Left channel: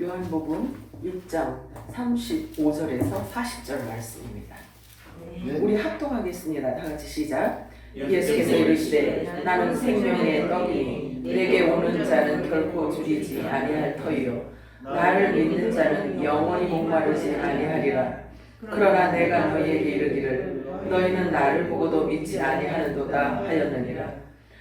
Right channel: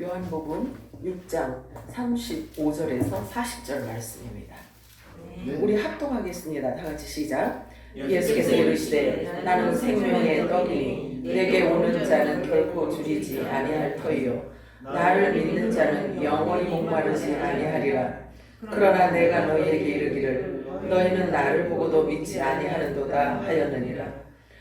요한복음 6장 35절에서 40절 말씀입니다. 네. 우리 합독하겠습니다. 다 같이 시작. 예수께서 이르시되 나는 생명의 떡이니 내게 오는 자는 결코 줄이지 아니할 터이요 나를 믿는 자는 영원히 목마르지 아니하리라. 그러나 내가 너희에게 이르기를 너희는 나를 보고도 믿지 아니하는도다 하였느니라.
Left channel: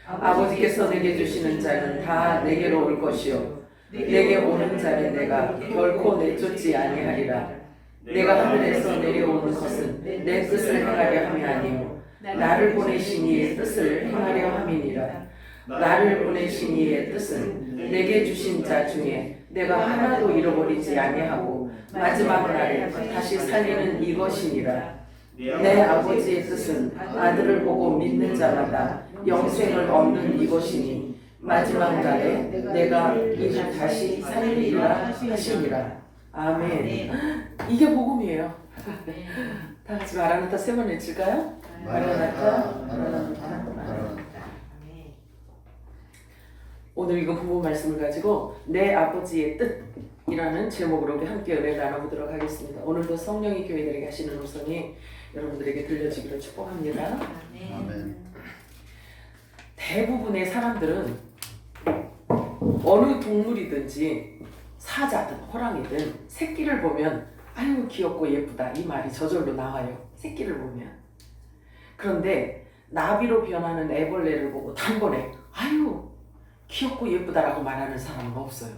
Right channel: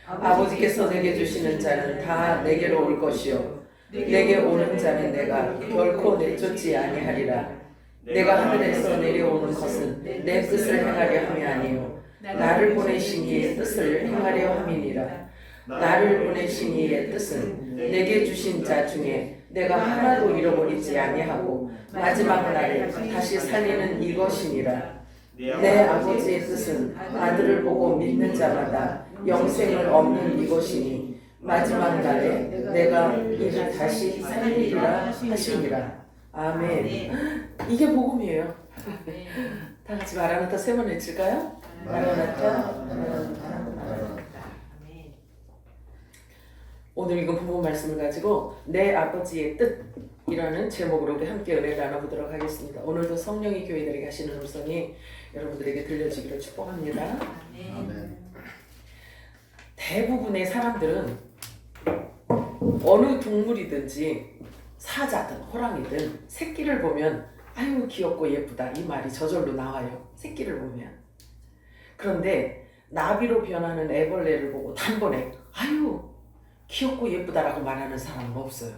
아버지께서 내게 주시는 자는 다 내게로 올 것이요 내게 오는 자는 내가 결코 내쫓지 아니하리라. 내가 하늘에서 내려오는 것은 내 뜻을 행하려 함이 아니요 나를 보내신 이의 뜻을 행하려 함이니라. 나를 보내신 이의 뜻은 내게 주신 자 중에 내가 하나도 잃어버리지 아니하고 마지막 날에 다시 살리는 이것이니라. 내 아버지의 뜻은 아들을 보고 믿는 자마다 영생을 얻는 이것이니 마지막 날에 내가 이를 다시 살리리라 하시니라. 아멘. 이게 복음이에요. 다 같이 마라나타 세 번 외칠까요? 마라나타, 마라나타, 마라나타. 오늘 이거 복음 말씀을 가지고 내 아버지의 뜻이라는 제목으로 함께 은혜를 나눠보도록 하겠습니다. 오늘도 성령이 교회들에게 하시는 음성이 여러분들에게 들려주기를 축복합니다. 아멘. 대부분의 사람들은 어느 동물이든지 사자든 호랑이든 새끼를 보면 아유 귀엽고 예쁘다 이 말이 저절로 나와요. 새끼를 보면. 그런데 나비로 변하는 애벌레를 보고 단번에 아유 귀엽고 예쁘다라고 말하는 사람은 없어요.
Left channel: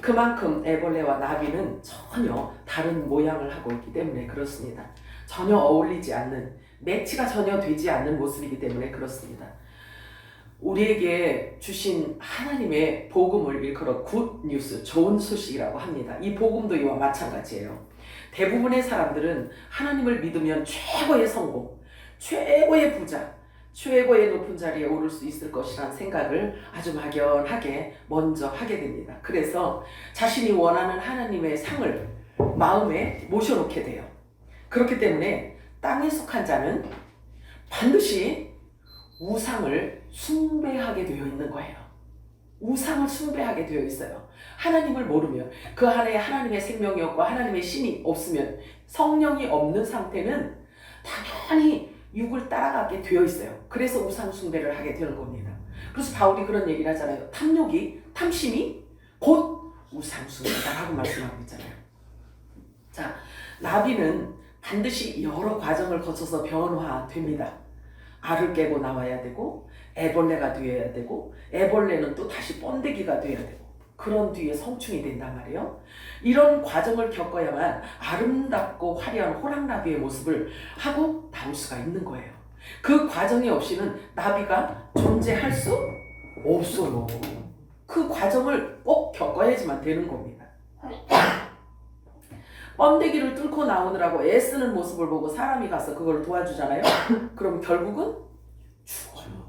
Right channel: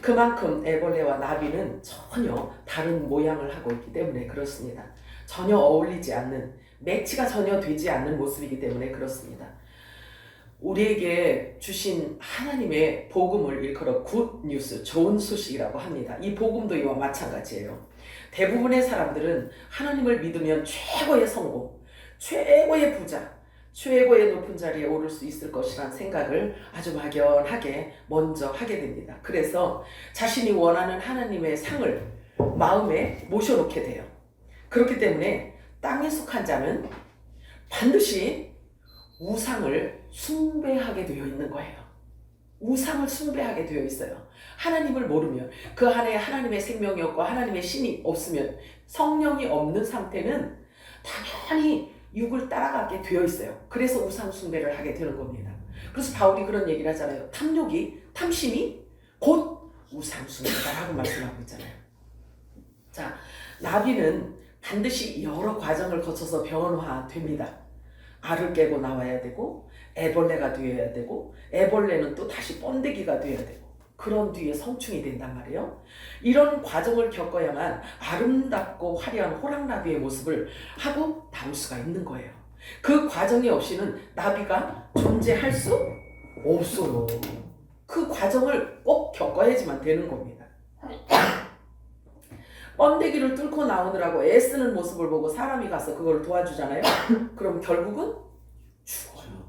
그만큼 애벌레와 나비는 전혀 다른 모양을 하고 있기 때문에 그렇습니다. 전혀 어울리지 않는, 매치가 전혀 되지 않는 모습이기 때문에 그렇습니다. 우리에게 주신 하나님의 복음을 일컬어 굿뉴스, 좋은 소식이라고 합니다. 이 복음도 이와 마찬가지예요. 대부분의 사람들은 하나님을 믿으면 최고의 성공, 최고의 부자, 최고의 높은 자리에 오를 수 있을 것이란 생각을 아주 막연하게 먼저 하게 됩니다. 그래서 자신이 원하는 하나님의 상을 마음에 모셔놓게 돼요. 그렇기 때문에 땅에 속한 자는 반드시 우상을 숭배하게 되어 있는 거예요. 우상을 숭배하게 되어 있어요. 하나님을 모르면 그 안에 하나님의 생명이 없고 하나님의 신이 없으면 성령이 없는 상태는 당연히 육을 따라가게 되어 있어요. 그래서 우상 숭배를 하게 되는 겁니다. 그래서 바울이 그런 얘기를 하잖아요. 탐심이 곧 우상 숭배다라고 말씀하고 있잖아요. 자, 나비는 반드시 여러 과정을 거쳐서 변화됩니다. 알을 깨고 나와야 되고 애벌레가 되어야 되고 애벌레는 또 다시 번데기가 되어야 되고 그런 뒤에 성충이 된단 말이에요. 이런 과정을 겪어야만 아름답고 화려한 호랑나비의 모습을 하고 나올 수가 있는 거예요. 그 과정이 없이는 나비가 존재할 수 없어요. 그 과정을 꼭 겪어야지만 되는 겁니다. 번데기를 뚫고 나오느라고 애쓰는 모습을 보고 사람이 가서 그걸 도와주잖아요. 그럼 결국은 죽어요.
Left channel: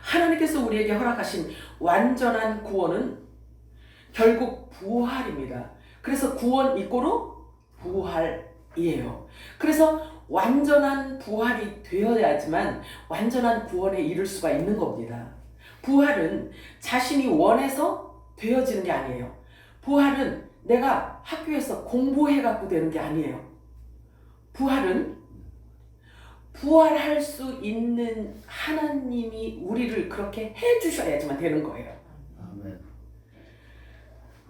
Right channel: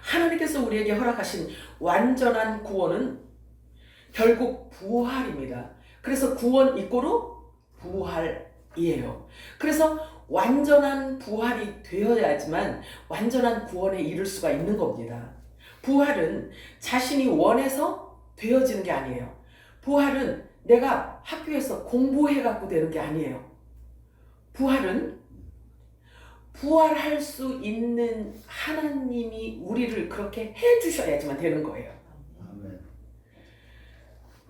하나님께서 우리에게 허락하신 완전한 구원은 결국 부활입니다. 그래서 구원 이꼬르 부활이에요. 그래서 완전한 부활이 되어야지만 완전한 구원에 이를 수가 있는 겁니다. 부활은 자신이 원해서 되어지는 게 아니에요. 부활은 내가 학교에서 공부해갖고 되는 게 아니에요. 부활은 부활할 수 있는 하나님이 우리를 그렇게 해주셔야지만 되는 거예요.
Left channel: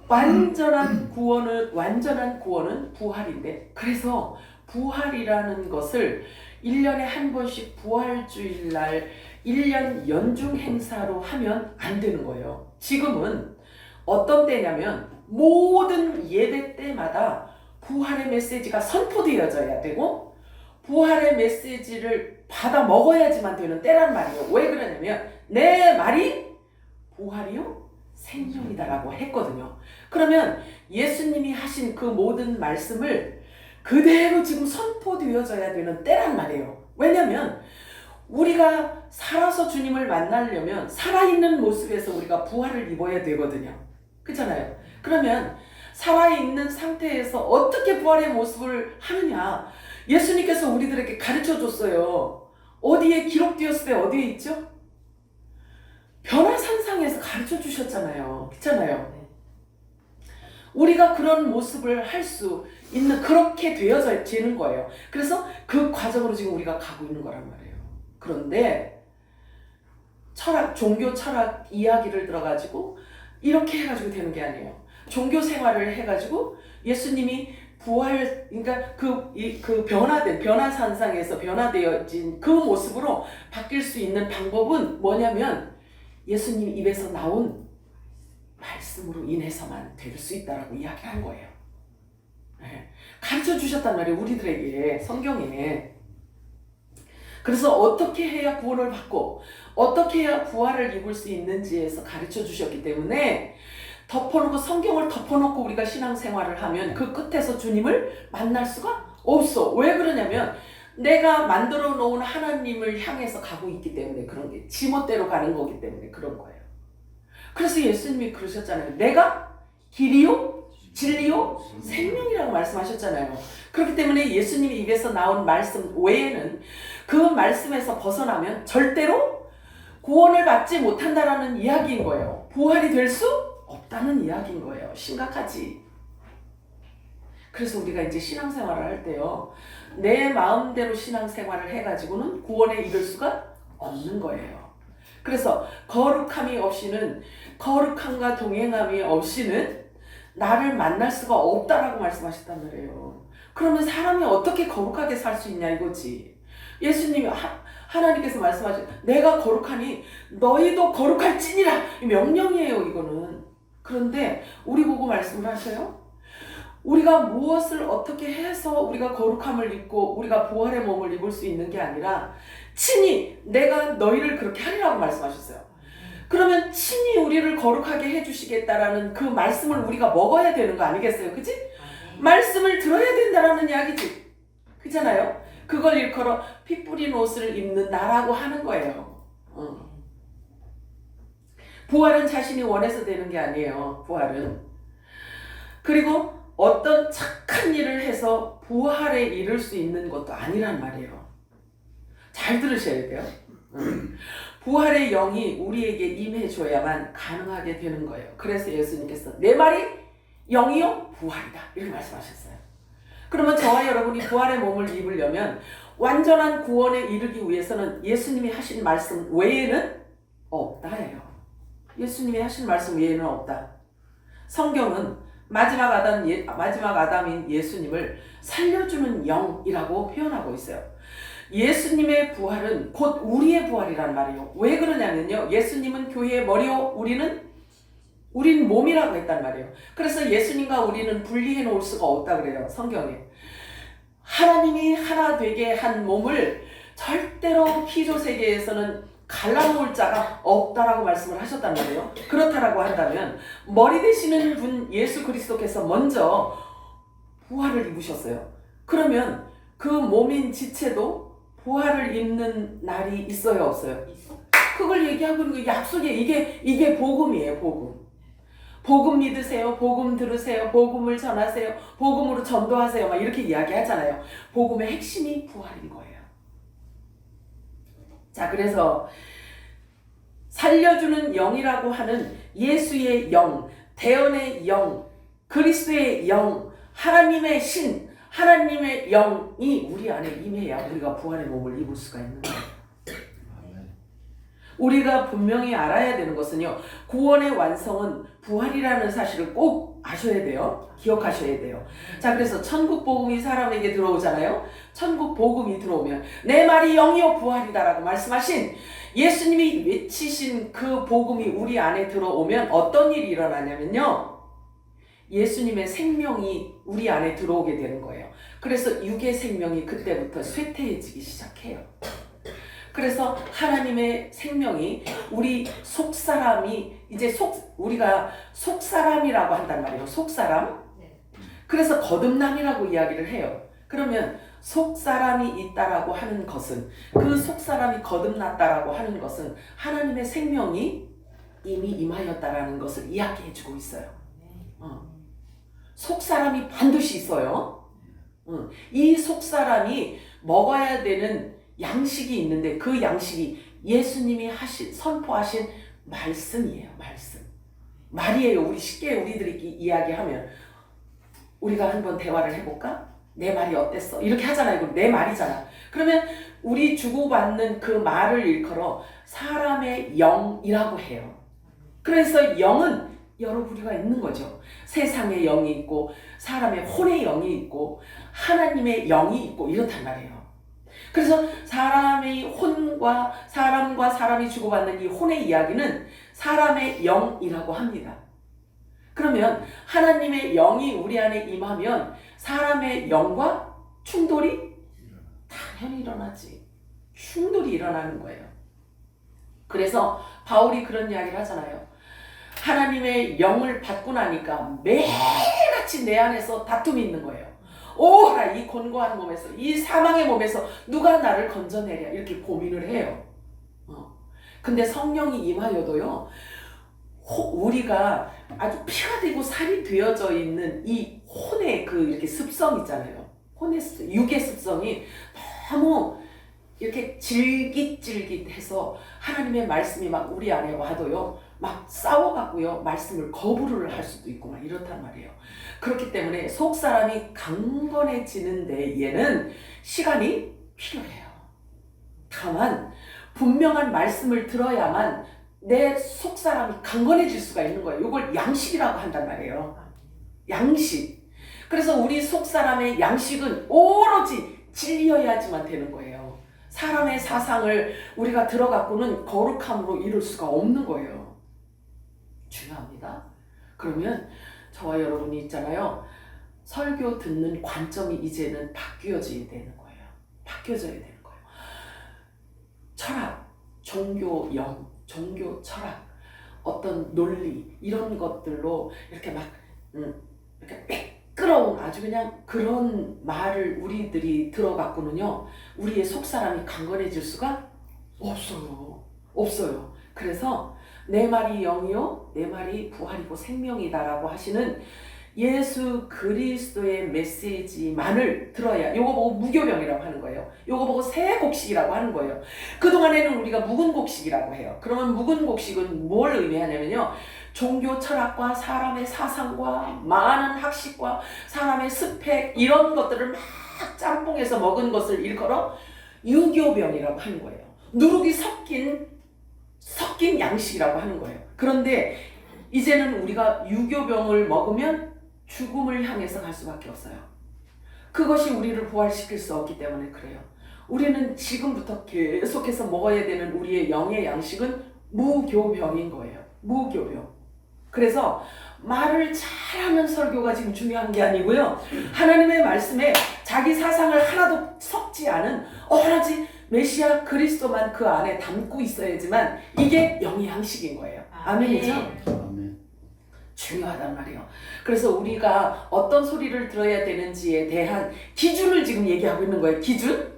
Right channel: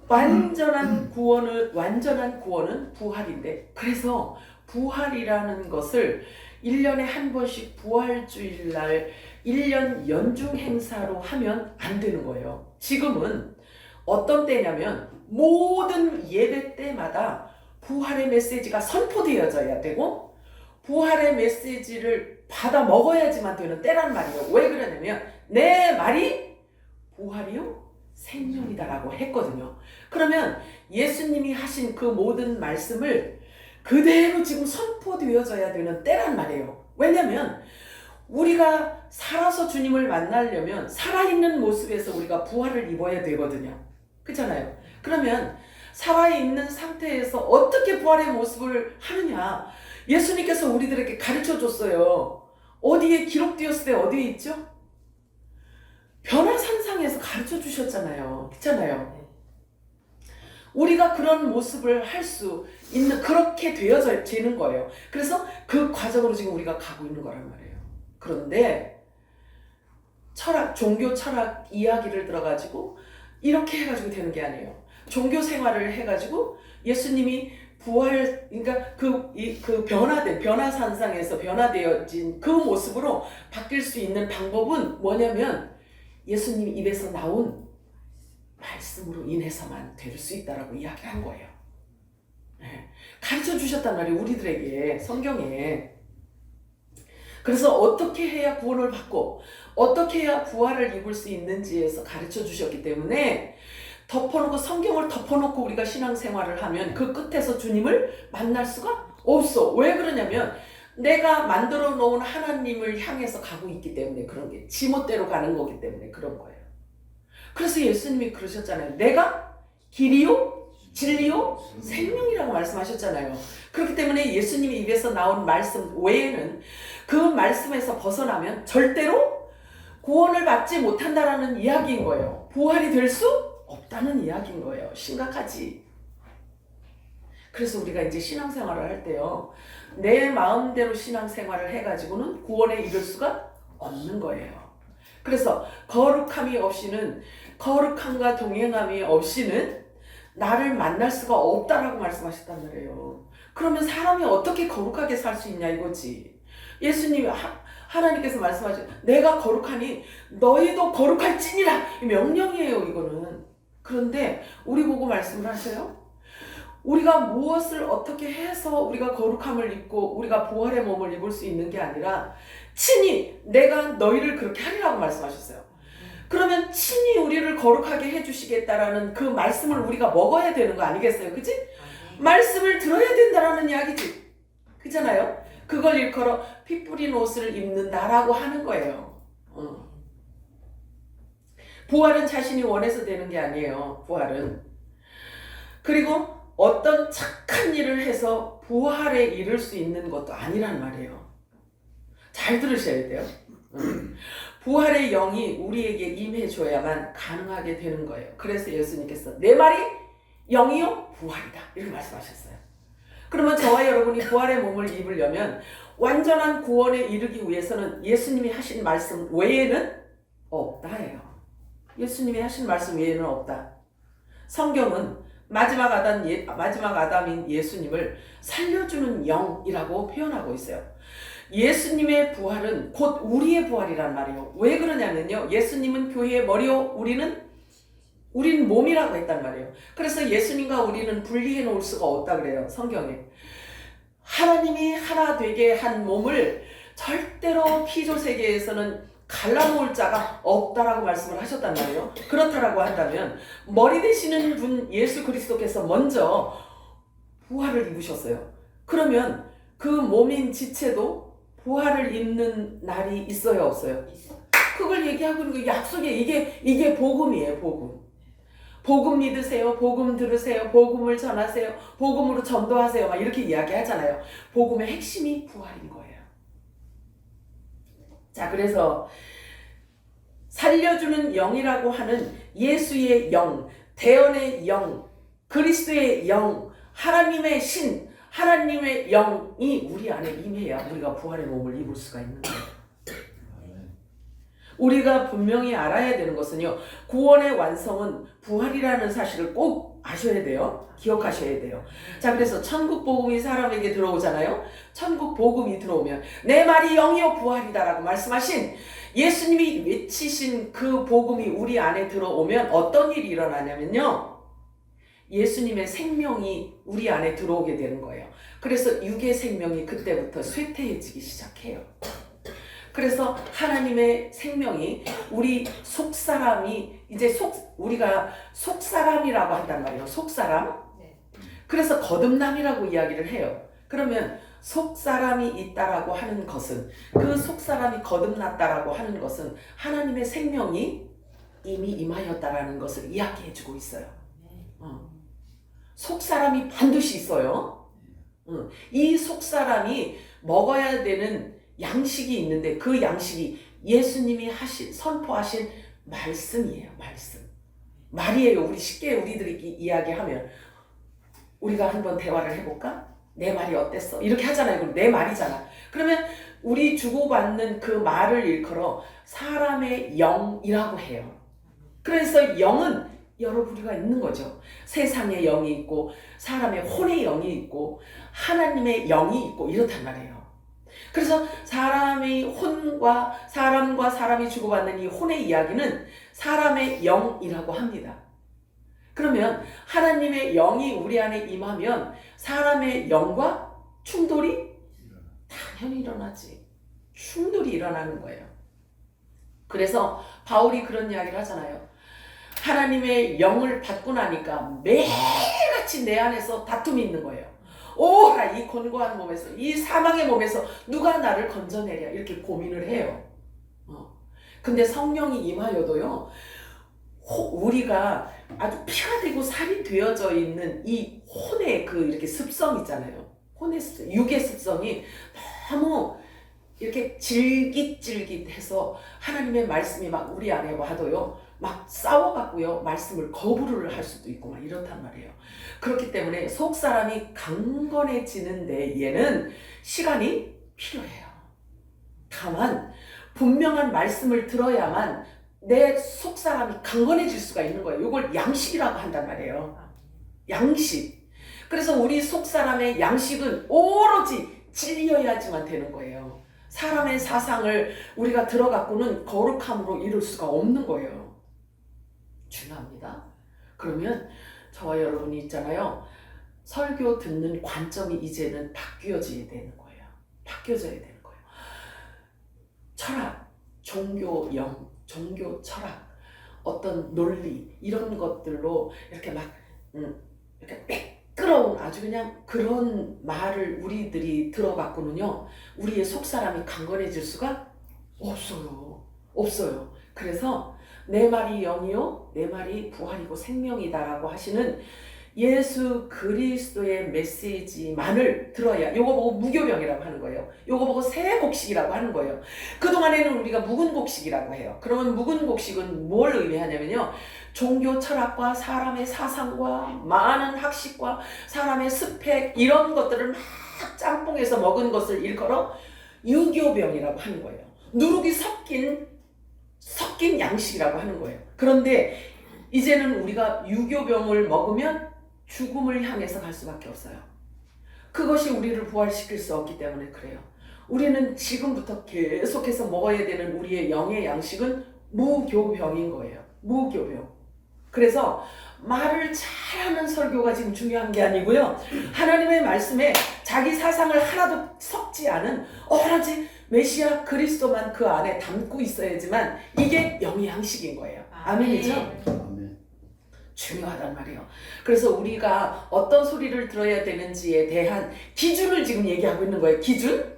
완전한 구원은 부활인데, 그래서 부활이라는 것을 1년에 한 번씩 부활주일날 1년 연중 행사로 하면 안 되는 거예요. 지금은 어떤 때냐면 모든 예배 때마다 부활의 메시지가 선포되어져야 되고 부활의 메시지를 받아 먹어야지만 되는 때란 말이에요. 왜 그러냐면 내 말이 부활이요 생명이다라고 했거든요. 그러면 예수님이 하신 그 모든 말씀을 그대로 지금 선포되어져야 되는 때란 말이에요. 왜냐면 우리가 살아서 주님을 만나려면 살아있는 모습에서 우리가 부활을 입어야 되거든요. 그렇잖아요. 그러면 살아있는 상태에서 어떻게 부활의 모습을 하느냐, 예수님께서 우리들에게 가르쳐 줬어요. 어디에 기록되었을 때 어디에 있죠? 변화산상에서 가르쳐 주셨잖아요. 그렇잖아요. 우리가 그런 모습을 할 수 있는 그렇게 되어지는 거예요. 그래서 그 과정으로 지금 우리가 가고 있는 거란 말이에요. 그런데 철학, 종교 철학 이야기를 들어가지고 이렇게 해가지고 되는 게 아니에요. 종교 생활을 해가지고 예수님이 부활, 그러니까 그 변화된, 변화산상에서 변화되어진 그 모습으로 바뀔 수 있는 방법은 뭐냐면 예수님 입에서 나온 말씀으로 인해서만 될 수 있다라고 이야기한 거예요. 네. 가르쳐 주셨단 말이에요. 우리들에게 성경에. 그래서 어떻게 해야 구원을 받고 어떻게 해야 부활을 입을 수 있는지에서 가르쳐 주셨기 때문에 덮어놓고 성경을 덮어놓고 우리가 신앙생활을 하면 그 끝에서 주님을 만날 수가 없어. 왜 그러냐면 내가 만들어 놓은 하나님을 향해서 가고 있기 때문에 그런 게 지멋대로 가는 거기 때문에 그런 거예요. 그래서 예수님이 그러셨잖아요. 내가 길이요 진리요 생명이라고 말씀하셨잖아요. 그렇기 때문에 예수님이 입에서 나온 말씀 외에는 그 말씀에서 벗어나면 절대로 구원을 받지 못한다라는 이야기인 거예요. 부활이 될 수 없다는 이야기인 거예요. 심각하지. 그래서 우리가 이제 신앙생활을 할 때요, 내 마음대로 신앙생활을 해가지고는 구원에 이를 수가 없는 거예요. 그래서 거룩함이 없이는, 거룩함과 동행함이 없이는 나를 만날 수가 없다라고 말씀하셨단 말이에요. 그러면 사람이 어떻게 거룩하게 살 수 있냐 이거지. 예수님이 하나님께서 말씀하신 내가 거룩하니 너희도 거룩할지니라 명령이에요 이거는. 그런데 우리 보고 말씀을 하셔요. 우리가 무엇을 어떻게 해서 우리가 거룩함을 입고 우리가 부활의 몸을 입을 수 있는 게 아니라 친히 내가 너희를 그렇게 하리라고 말씀하셨어요. 그러면 친히 우리를 거룩하게 해주시겠다라는 그 말씀을 우리가 먹어야 되는 거 아니겠어요? 그치? 말씀을 들어야 된다라는 이야기지. 그잖아요? 그걸 일컬어 피 뿌린 옷을 입는다라고 하는 거예요. 부활은 자신이 원해서 되는 게 아니에요. 부활은. 그리고 어떤 착한 일을 해서 부활에 이를 수 있는 것도 아니란 말이에요. 잘 들으셔야 돼요. 부활의 영이 우리에게 임해줘야만 가능하게 되는 거예요. 그래서 예수님께서 내 말이 영이요 부활이다 이렇게 말씀하셨어요. 그러면 저와 여러분이 부활의 몸을 입으려면 완전한 구원에 이르기 위해서는 예수님이 하신 말씀 외에는 없다예요. 예수님이 하신 말씀 외에는 없다. 성경은 마지막 아담인 예수님을 살려주는 영이라고 표현하고 있어요. 예수님의 부활은 곧 우리의 부활이란 말이에요. 왜 그러냐면요, 예수님은 교회의 머리요, 우린 몸이라고 했단 말이에요. 그래서 예수님과 우리는 분리해 놓을 수가 없다 그래요, 성경에. 하나님이 하나 되게 한 몸을 절대로 피조 세계에서는 갈라놓을 자가 없다라고 말씀을 하셨단 말이에요. 그렇다라고 한다면 머리 되시는 분 예수 그리스도께서 먼저 부활을 입으셨어요. 그러면 그 몸인 지체도 부활을 입는 날이 있어요, 없어요? 그걸 얘기하고 있는 거 약속에 이게 복음이에요, 복음. 복음 믿으세요, 복음 들으세요, 복음을 전하세요, 복음으로 전도하세요, 막 이렇게 이야기하잖아요. 복음의 핵심이 부활인 거예요. 자, 그래서 살려주는 영이라고 하는 예수의 영, 대언의 영, 그리스도의 영, 하나님의 신, 하나님의 영이 우리 안에 임해야 우리가 부활의 몸을 입을 수가 있는 거예요. 우리가 분명히 알아야 되는 것은요, 구원의 완성은 부활이라는 사실을 꼭 아셔야 돼요. 기억하셔야 돼요. 자, 그래서 천국 복음이 사람에게 들어오잖아요. 천국 복음이 들어오면 내 말이 영이요 부활이다라고 말씀하신 예수님이 외치신 그 복음이 우리 안에 들어오면 어떤 일이 일어나냐면요, 예수님의 생명이 우리 안에 들어오게 되는 거예요. 그래서 육의 생명이 그때부터 쇠퇴해지기 시작해요. 그래서 하나님의 생명이 우리 속사람이 이제 우리가 속사람이라고 한단 말이에요. 속사람. 그래서 거듭남이라고 이야기를 해요. 그러면 속사람이 있다라고 하는 것은, 그 속사람이 거듭났다라고 하는 것은 하나님의 생명이 이미 임하였다라는 것을 이야기해주고 있어요. 속사람이 반드시 있어요. 이 속사람이 먹어야 되는 양식이 있는데 그 양식이 예수님이 선포하신 말씀이에요. 말씀. 말이에요. 우리 쉽게 우리들이 이야기하면 우리가 한번 대화를 해볼까? 내 말이 어땠어? 이렇게 하잖아요. 그럼 내 말이잖아. 그러면 우리 주고받는 그 말을 일컬어 사람의 영이라고 해요. 그래서 영은 여러 부류가 있는 거죠. 세상의 영이 있고 사람의 혼의 영이 있고 하나님의 영이 있고 이렇단 말이에요. 그래서 사람의 혼과 사람과 사람이 주고받는 이 혼의 이야기는 사람의 영이라고 합니다. 그러면 하나님의 영이 우리 안에 임하면 사람의 영과 충돌이 당연히 일어나지. 충돌이 일어나는 거예요. 그래서 바울이 그런 이야기를 하잖아요. 하나님의 영을 받고 나니까 매일같이 내 안에서 다툼이 있는 거예요. 오라 이 곤고한 몸에서 이 사망의 몸에서 누가 나를 건져내랴 이렇게 고민을 해요. 근데 성령이 임하여도요. 우리가 아주 피가 되고 살이 되어져 있는 이 혼의 그 이렇게 습성 있잖아요. 혼의 습성, 육의 습성이 너무 이렇게 질깃질깃해서 하나님의 말씀이 막 우리 안에 와도요. 막 싸워갖고요. 말씀을 거부를 할 수도 있고 막 이렇단 말이에요. 그렇기 때문에 속 사람이 강건해지는 데에는 시간이 필요해요. 다만 분명한 말씀을 들어야만 내 속 사람이 강건해질 수가 있는 거예요. 이걸 양식이라고 한단 말이에요. 양식. 그래서 우리 속 사람의 양식은 오로지 진리여야지만 되는 거예요. 사람의 사상을 우리가 들어갖고는 거룩함으로 이룰 수가 없는 거예요. 중요합니다. 그러면 저와 여러분이 있잖아요. 설교 듣는 관점이 이제는 바뀌어져야 되는 거예요. 바뀌어져야 되는 거예요. 철학, 종교 영, 종교 철학, 어떤 논리 이런 것들로 이렇게 막 이렇게 매끄러운 아주 그냥 그런 말을 우리들이 들어갖고는요. 우리의 속사람이 강건해질 수가 없어요. 없어요. 그래서 내 말이 영이요 내 말이 부활이고 생명이다라고 하시는 예수 그리스도의 메시지만을 들어야, 요거 보고 무교병이라고 하는 거예요. 요거 보고 새 곡식이라고 하는 거예요. 그동안에는 우리가 묵은 곡식이라고 해요. 그러면 묵은 곡식은 뭘 의미하냐면요. 종교 철학과 사람의 사상과 많은 학식과 사람의 스펙 이런 것들을 막 짬뽕해서 먹은 것을 일컬어 유교병이라고 하는 거예요. 누룩이 섞인 양식이라고 하는 거예요. 그런데 이제는 우리가 유교병을 먹으면 죽음을 향해서 갈 수밖에 없어요. 그것이 우리를 부활시킬 수 없기 때문에 그래요. 우리는 지금부터 계속해서 먹어야 되는 우리의 영의 양식은 무교병인 거예요. 무교병. 그래서 말을 잘하는 설교가 지금 중요한 게 아니고요. 하나님의 말씀에 자기 사상을 하나도 섞지 않은 오로지 메시아 그리스도만 그 안에 담고 있어야지만 이게 영의 양식인 거예요. 아멘이죠? 아멘. 중요하단 말이에요. 그래서 우리가 어떤 소리를 들어야 되는지에 대한 기준을 지금 얘기하고 있는 거예요. 기준?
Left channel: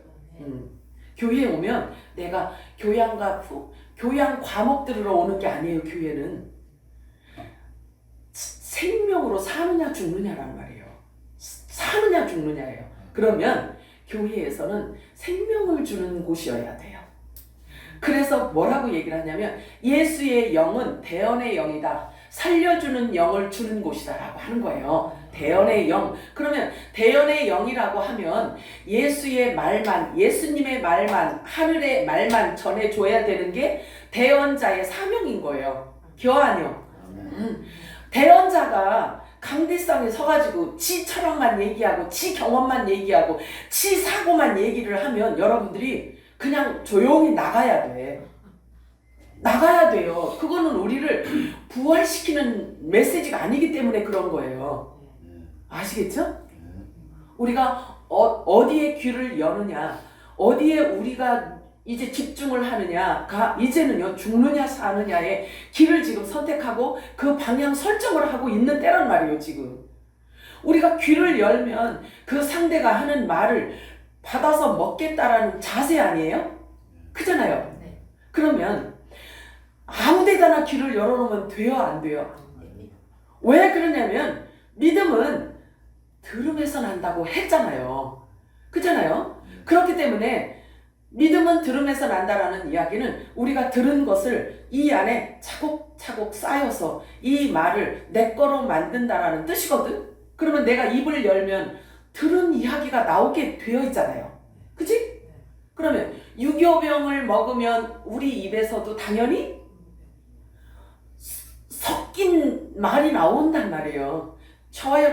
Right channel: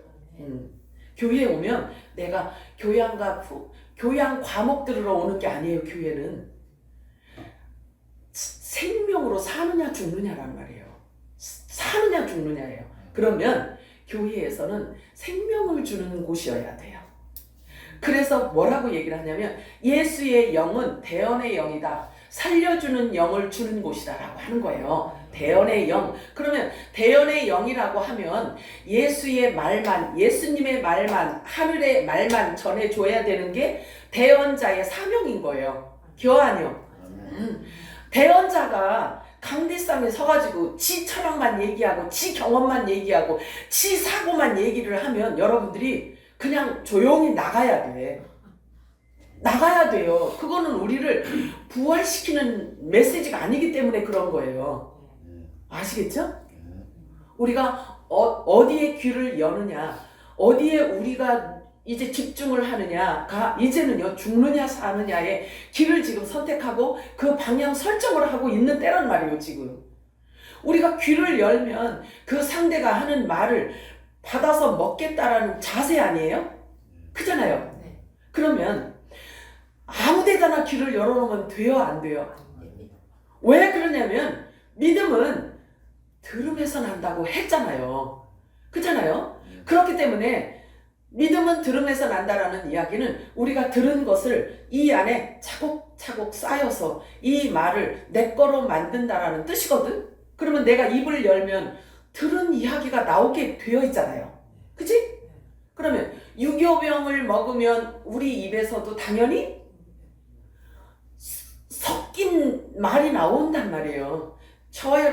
교회에 오면 내가 교양 과목 들으러 오는 게 아니에요. 교회는 생명으로 사느냐 죽느냐란 말이에요. 사느냐 죽느냐예요. 그러면 교회에서는 생명을 주는 곳이어야 돼요. 그래서 뭐라고 얘기를 하냐면 예수의 영은 대언의 영이다. 살려주는 영을 주는 곳이다 라고 하는 거예요. 대언의 영. 그러면 대언의 영이라고 하면 예수의 말만, 예수님의 말만, 하늘의 말만 전해줘야 되는 게 대언자의 사명인 거예요. 교환이요. 대언자가 강대상에 서가지고 지 철학만 얘기하고 지 경험만 얘기하고 지 사고만 얘기를 하면 여러분들이 그냥 조용히 나가야 돼. 나가야 돼요. 그거는 우리를 부활시키는 메시지가 아니기 때문에 그런 거예요. 아시겠죠? 우리가 어디에 귀를 여느냐, 어디에 우리가 이제 집중을 하느냐가 이제는요 죽느냐 사느냐의 길을 지금 선택하고 그 방향 설정을 하고 있는 때란 말이에요. 지금 우리가 귀를 열면 그 상대가 하는 말을 받아서 먹겠다라는 자세 아니에요? 그잖아요. 그러면 아무 데다나 귀를 열어놓으면 돼요 안 돼요? 왜 그러냐면 믿음은 들음에서 난다고 했잖아요. 그잖아요. 그렇기 때문에 믿음은 들음에서 난다라는 이야기는 우리가 들은 것을 이 안에 차곡차곡 쌓여서 이 말을 내 거로 만든다라는 뜻이거든. 그러면 내가 입을 열면 들은 이야기가 나오게 되어 있잖아요. 그치? 그러면 유교병을 먹으면 우리 입에서도 당연히 섞인 말이 나온단 말이에요. 저와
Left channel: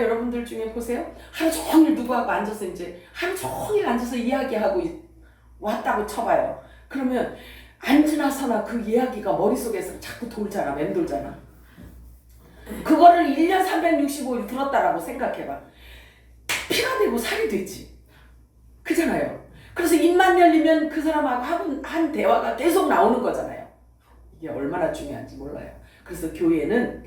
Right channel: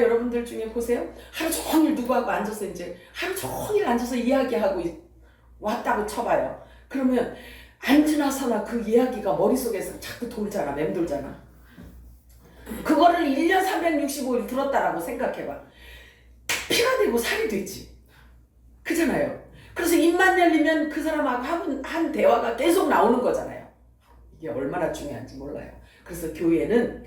여러분들 중에 보세요. 하루 종일 누구하고 앉아서 이제 하루 종일 앉아서 이야기하고 왔다고 쳐봐요. 그러면 앉으나 서나 그 이야기가 머릿속에서 자꾸 돌잖아, 맴돌잖아. 그거를 1년 365일 들었다라고 생각해봐. 피가 되고 살이 되지. 그잖아요. 그래서 입만 열리면 그 사람하고 한 대화가 계속 나오는 거잖아요. 이게 얼마나 중요한지 몰라요. 그래서 교회는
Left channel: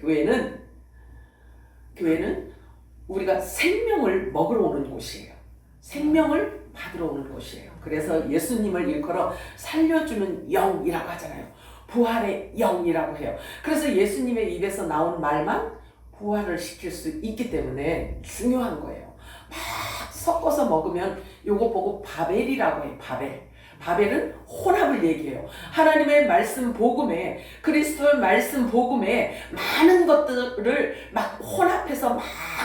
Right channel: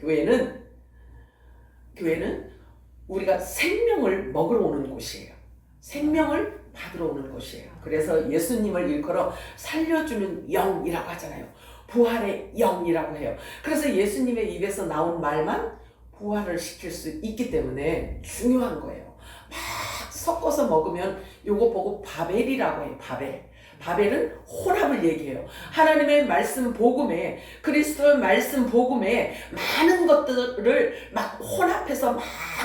우리가 생명을 먹으러 오는 곳이에요. 생명을 받으러 오는 곳이에요. 그래서 예수님을 일컬어 살려주는 영이라고 하잖아요. 부활의 영이라고 해요. 그래서 예수님의 입에서 나온 말만 부활을 시킬 수 있기 때문에 중요한 거예요. 막 섞어서 먹으면 요거 보고 바벨이라고 해요. 바벨은 혼합을 얘기해요. 하나님의 말씀 복음에, 그리스도의 말씀 복음에 많은 것들을 막 혼합해서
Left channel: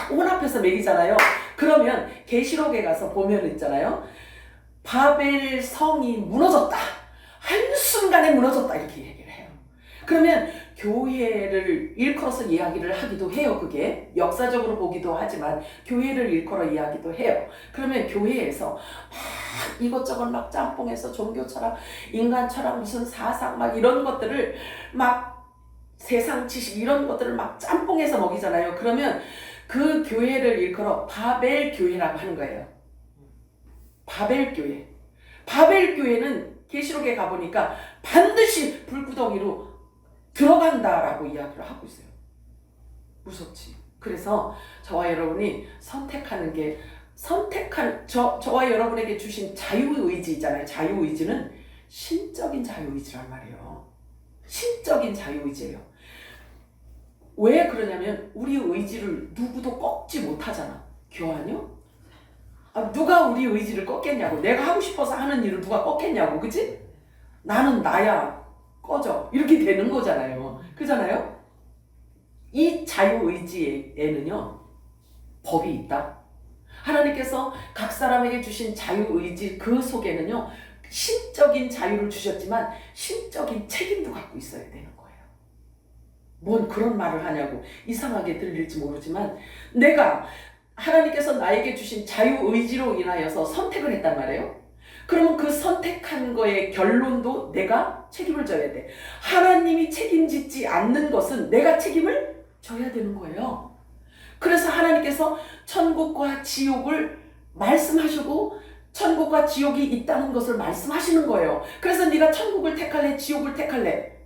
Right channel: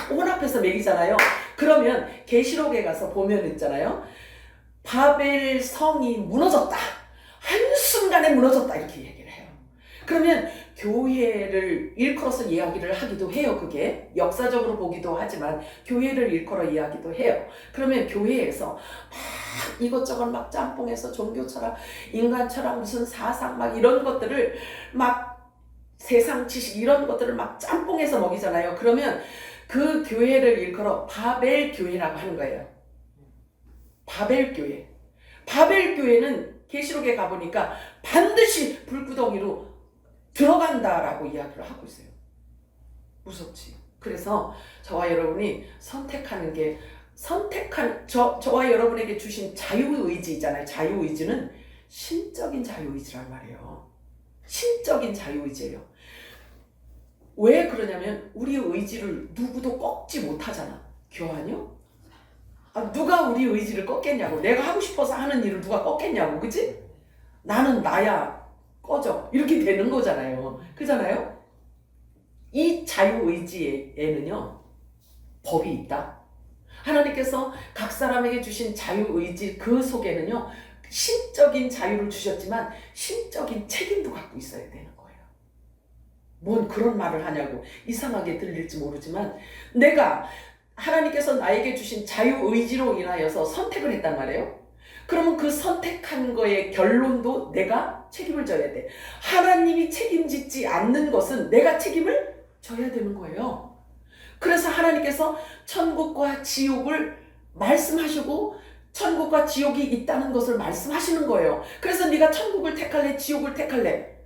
먹이잖아요. 그러면 계시록에 가서 보면 있잖아요. 바벨 성이 무너졌다. 한순간에 무너졌다. 이렇게 얘기를 해요. 그러면 교회를 일컬어서 이야기를 하기도 해요. 그게 역사적으로 보기도 하지만 교회를 일컬어 이야기도 해요. 그러면 교회에서 막 이것저것 막 짬뽕해서 종교 철학, 인간 철학, 무슨 사상 막 이런 것들을 막 세상 지식 이런 것들을 막 짬뽕해서 먹이잖아요. 그러면 그 교회를 일컬어 바벨 교회라고 하는 거예요. 바벨 교회. 바벨 교회는 계시록에 가보니까 반드시 불구덩이로 들어간다라고 이야기를 하고 있어요. 무섭지. 그래서 저와 여러분이 선택하는 게 저와 여러분에게 주신 자유의지 있잖아요. 자유의지는 신적인 자유의지란 말이에요. 신적인 자유의지예요. 왜 그러냐면 우리 의지를 누구도 꺾지 못하잖아. 교환이요? 누가 우리 의지를 꺾겠냐고. 내가 하고 싶어서 하는 일을 누가 꺾겠냐고. 그치? 나는 나야. 꺼져. 이렇게 되는 거잖아요. 그잖아요? 이 자유의지에는요, 법이 있다. 하나님께서 각 사람에게 주신 자유의지 그 속에는요, 신적인 자유를 주셨지만 신적인 책임도 갖고 있어야 되는 거예요. 뭔 그런 말을 하냐고 이상하게 들릴지 모르지만 내가 하나님께서 나에게 주신 자유의지로 인하여서 선택을 했단 말이에요. 그러면 그 선택한 거의 결론도 내가 책임을 져야 돼. 하나님이 책임지지 않는 것은 내가 책임을 져야 되는 거예요. 그래서 하나님께서 천국과 지옥을 말씀하시고 천국과 지옥이 있다는 것을 말씀하시는 거예요. 그래서 네가 천국을 택할래? 지옥을 택할래?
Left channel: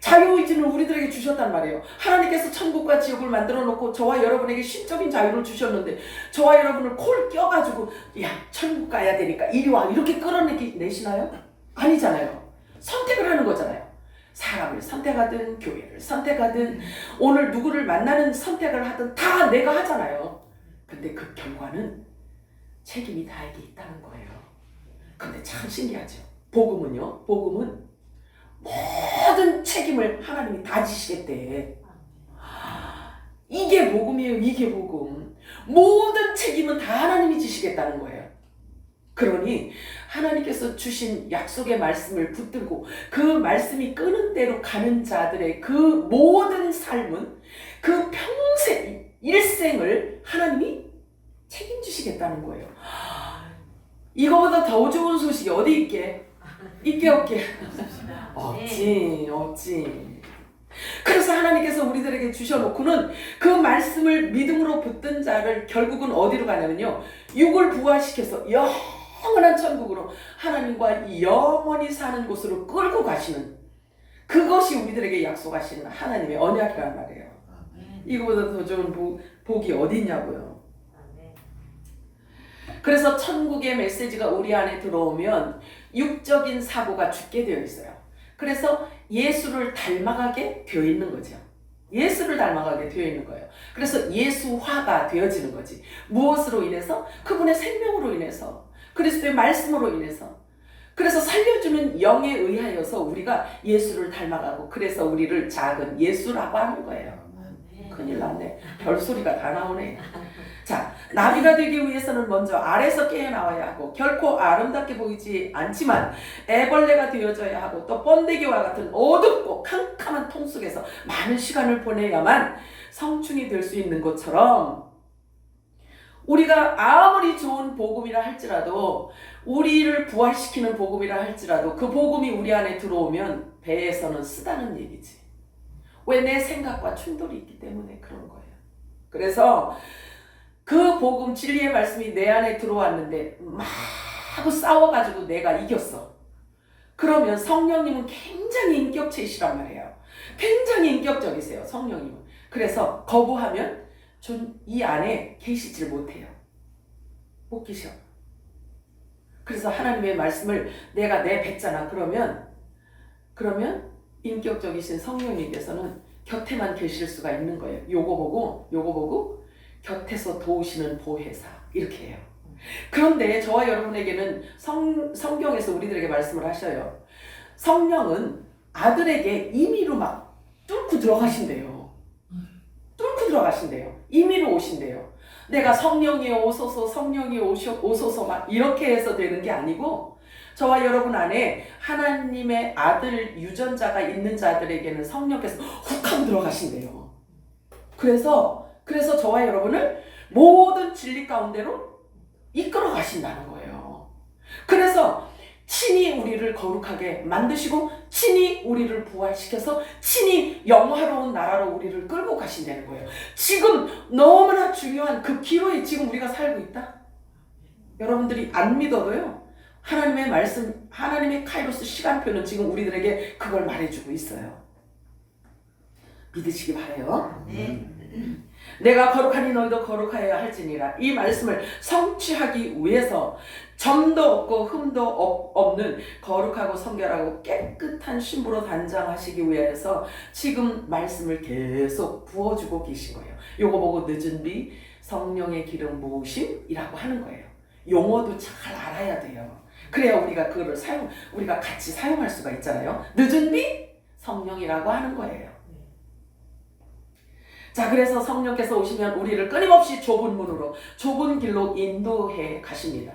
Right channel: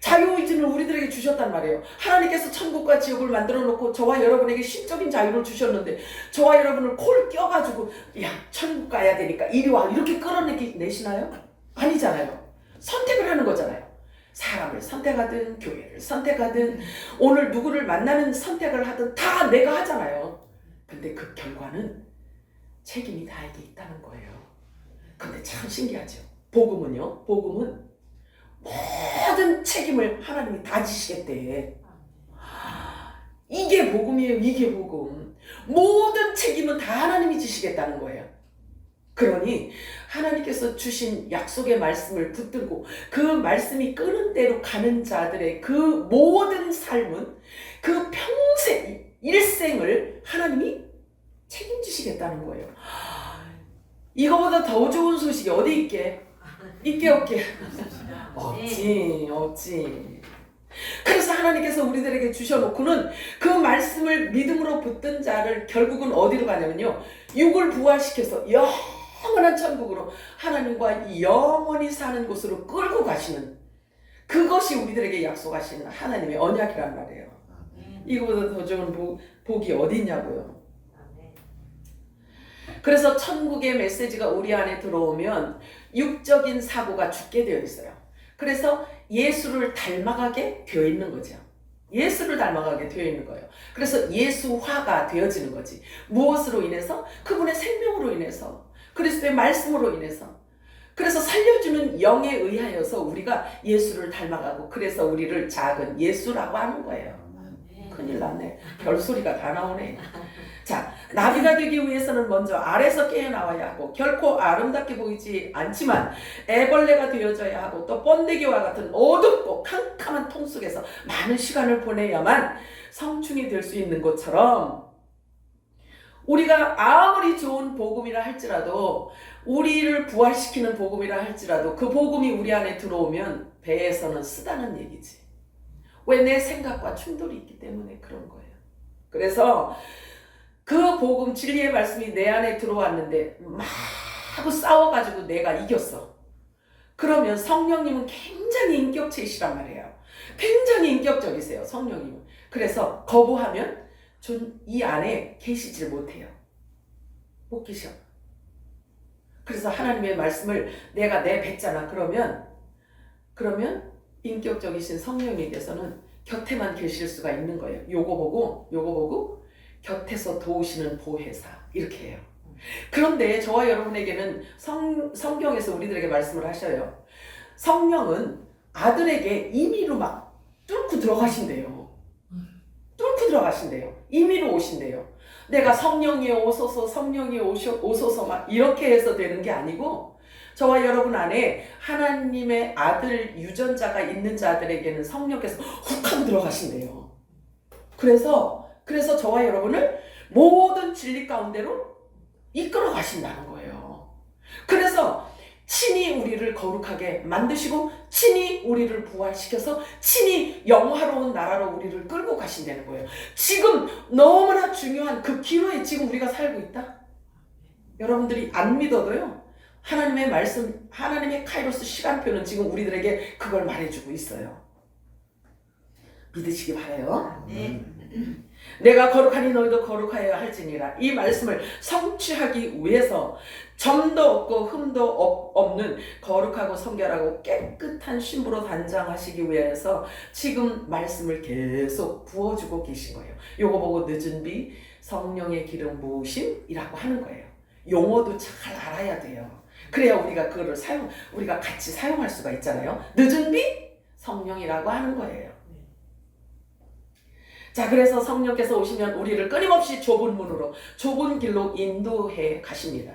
자유의지는 우리들에게 주셨단 말이에요. 하나님께서 천국과 지옥을 만들어 놓고 저와 여러분에게 신적인 자유를 주셨는데 저와 여러분을 콜 껴가지고 야 천국 가야 되니까 이리 와 이렇게 끌어내시나요? 아니잖아요. 선택을 하는 거잖아요. 사람을 선택하든 교회를 선택하든 오늘 누구를 만나는 선택을 하든 다 내가 하잖아요. 근데 그 결과는 책임이 나에게 있다는 거예요. 근데 참 신기하죠. 복음은 모든 책임을 하나님이 다 지시겠대. 이게 복음이에요. 이게 복음. 모든 책임은 다 하나님이 지시겠다는 거예요. 그러니 하나님께서 주신 약속의 말씀을 붙들고 그 말씀이 끄는 대로 가는 자들의 그 모든 삶은 그 평생 일생을 하나님이 책임지시겠다는 거예요. 이거보다 더 좋은 소식이 어디 있게? 있게 없게? 없지. 그래서 하나님께서 우리들에게 주셔놓고는 그 말씀을 믿음으로 붙든 자를 결국은 어디로 가냐면요, 육을 부활시켜서 영원한 천국으로 하나님과 영원히 사는 곳으로 끌고 가시는, 그것이 우리들에게 약속하시는 하나님의 언약이란 말이에요. 이거보다 더 좋은 복이 어디 있냐고요. 그래서 천국의 메시지가 우리 안에 들어오면 육적인 사고가 죽게 되어 있어요. 그래서 예수를 닮아가게 되어 있는 거죠. 예수를 닮아가게 되어 있는 거예요. 그래서 예수화가 되어지는 거지. 무엇으로 인해서? 그분의 생명으로 인해서, 그리스도의 말씀으로 인해서. 그래서 살려주는 영에 의하여서 우리가 예수를 닮아가고, 그래서 우리를 작은 예수라고 하는 거예요. 큰일 났네. 별소리가 다 나오네. 자, 나비가 되기 위해서는 먼저 알에서 깨어나와야 하고 결코 아름답게 보이지 않지만 애벌레가 되어져야 하고 또 번데기와 같은 어둡고 캄캄한 통 속에서 많은 시간을 보내야만 성충이 될 수 있는 것처럼 우리가 아무리 좋은 복음이라 할지라도 우리를 부활시키는 복음이라 할지라도 그 복음이 우리 안에 들어오면 배에서는 쓰다는 얘기지. 왜? 내 생각과 충돌이 있기 때문에 그런 거예요. 그래서 그 복음 진리의 말씀이 내 안에 들어왔는데 막 하고 싸워가지고 내가 이겼어. 그러면 성령님은 굉장히 인격체이시란 말이에요. 굉장히 인격적이세요, 성령님은. 그래서 거부하면 이 안에 계시질 못해요. 못 계셔. 그래서 하나님의 말씀을 내가 내뱉잖아. 그러면 인격적이신 성령님께서는 곁에만 계실 수가 있는 거예요. 요거 보고 곁에서 도우시는 보혜사 이렇게 해요. 그런데 저와 여러분에게는 성경에서 우리들에게 말씀을 하셔요. 성령은 아들에게 임의로 막 뚫고 들어가신대요. 임의로 오신대요. 내가 성령이 오소서 성령이 오소서 막 이렇게 해서 되는 게 아니고 저와 여러분 안에 하나님의 아들 유전자가 있는 자들에게는 성령께서 훅 하고 들어가신대요. 그래서 저와 여러분을 모든 진리 가운데로 이끌어 가신다는 거예요. 그래서 친히 우리를 거룩하게 만드시고 친히 우리를 부활시켜서 친히 영화로운 나라로 우리를 끌고 가신다는 거예요. 지금 너무나 중요한 그 기로에 지금 우리가 살고 있다. 여러분들이 안 믿어도요. 하나님의 말씀, 하나님의 카이로스 시간표는 지금 우리들에게 그걸 말해주고 있어요. 믿으시기 바라요. 내가 거룩하니 너희도 거룩하여야 할지니라. 이 말씀을 성취하기 위해서 점도 없고 흠도 없는 거룩하고 성결하고 깨끗한 신부로 단장하시기 위해서 지금 말씀을 계속 부어주고 계신 거예요. 요거 보고 늦은 비 성령의 기름 부으심이라고 하는 거예요. 용어도 잘 알아야 돼요. 그래야 우리가 그거를 우리가 같이 사용할 수가 있잖아요. 늦은 비 성령이라고 하는 거예요. 자, 그래서 성령께서 오시면 우리를 끊임없이 좁은 문으로 좁은 길로 인도해 가십니다.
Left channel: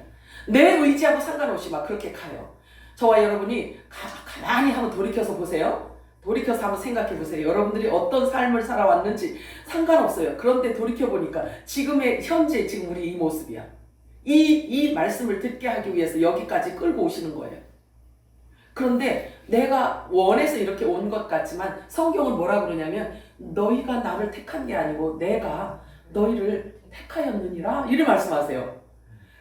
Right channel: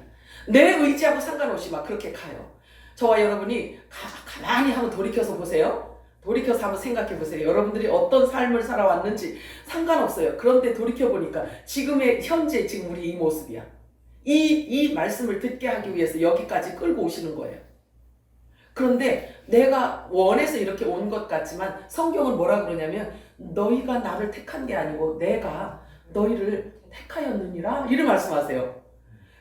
내 의지하고 상관없이 막 그렇게 가요. 저와 여러분이 가만히 한번 돌이켜서 보세요. 돌이켜서 한번 생각해 보세요. 여러분들이 어떤 삶을 살아왔는지 상관없어요. 그런데 돌이켜보니까 현재 지금 우리 이 모습이야. 이 말씀을 듣게 하기 위해서 여기까지 끌고 오시는 거예요. 그런데 내가 원해서 이렇게 온 것 같지만 성경은 뭐라 그러냐면 너희가 나를 택한 게 아니고 내가 너희를 택하였느니라 이를 말씀하세요.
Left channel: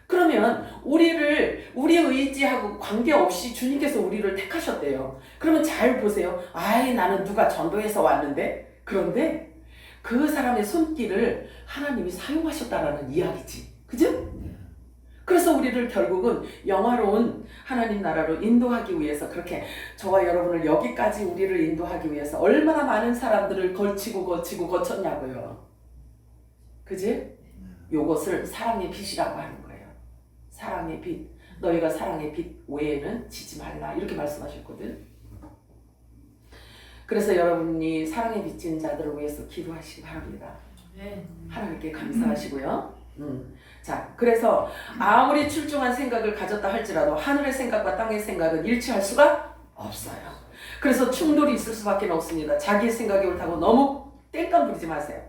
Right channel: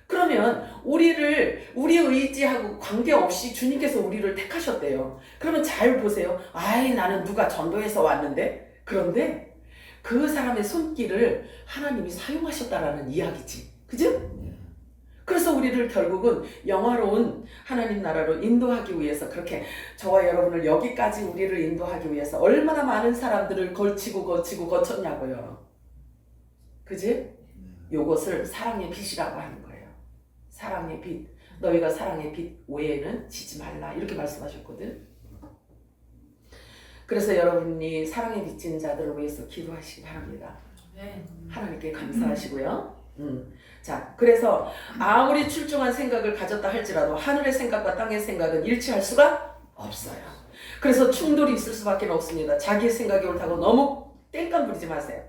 그러면 우리의 의지하고 관계없이 주님께서 우리를 택하셨대요. 그러면 잘 보세요. 나는 누가 전도해서 왔는데 그런데 그 사람의 손길을 하나님이 사용하셨다라는 이야기지. 그죠? 그래서 우리를 결국은 영화로운 하나님 나라로 인도하기 위해서 그렇게 저와 여러분을 여기까지 우리를 인도하기 위해서 얼마나 많은 사람들을 거쳤냐고요. 그지? 요것을 사랑의 빛이라고 하는 거예요. 사랑의 빛. 너희가 사랑의 빛 외에는 지지 말라. 이렇게 말씀하셨거든. 그래서 여러분이 사랑의 빛인 자들을 위해서 기도하시기 바랍니다. 하나님께 감사하시고요. 자, 그래서 아무리 출중한 생각을 가졌다 할지라도 하늘의 생각과 땅의 생각은 일치할 수가 없어요. 그래서 충돌이 있을 수밖에 없습니다. 자기의 생각이 옳다고 너무 땡깡 부리지 마세요.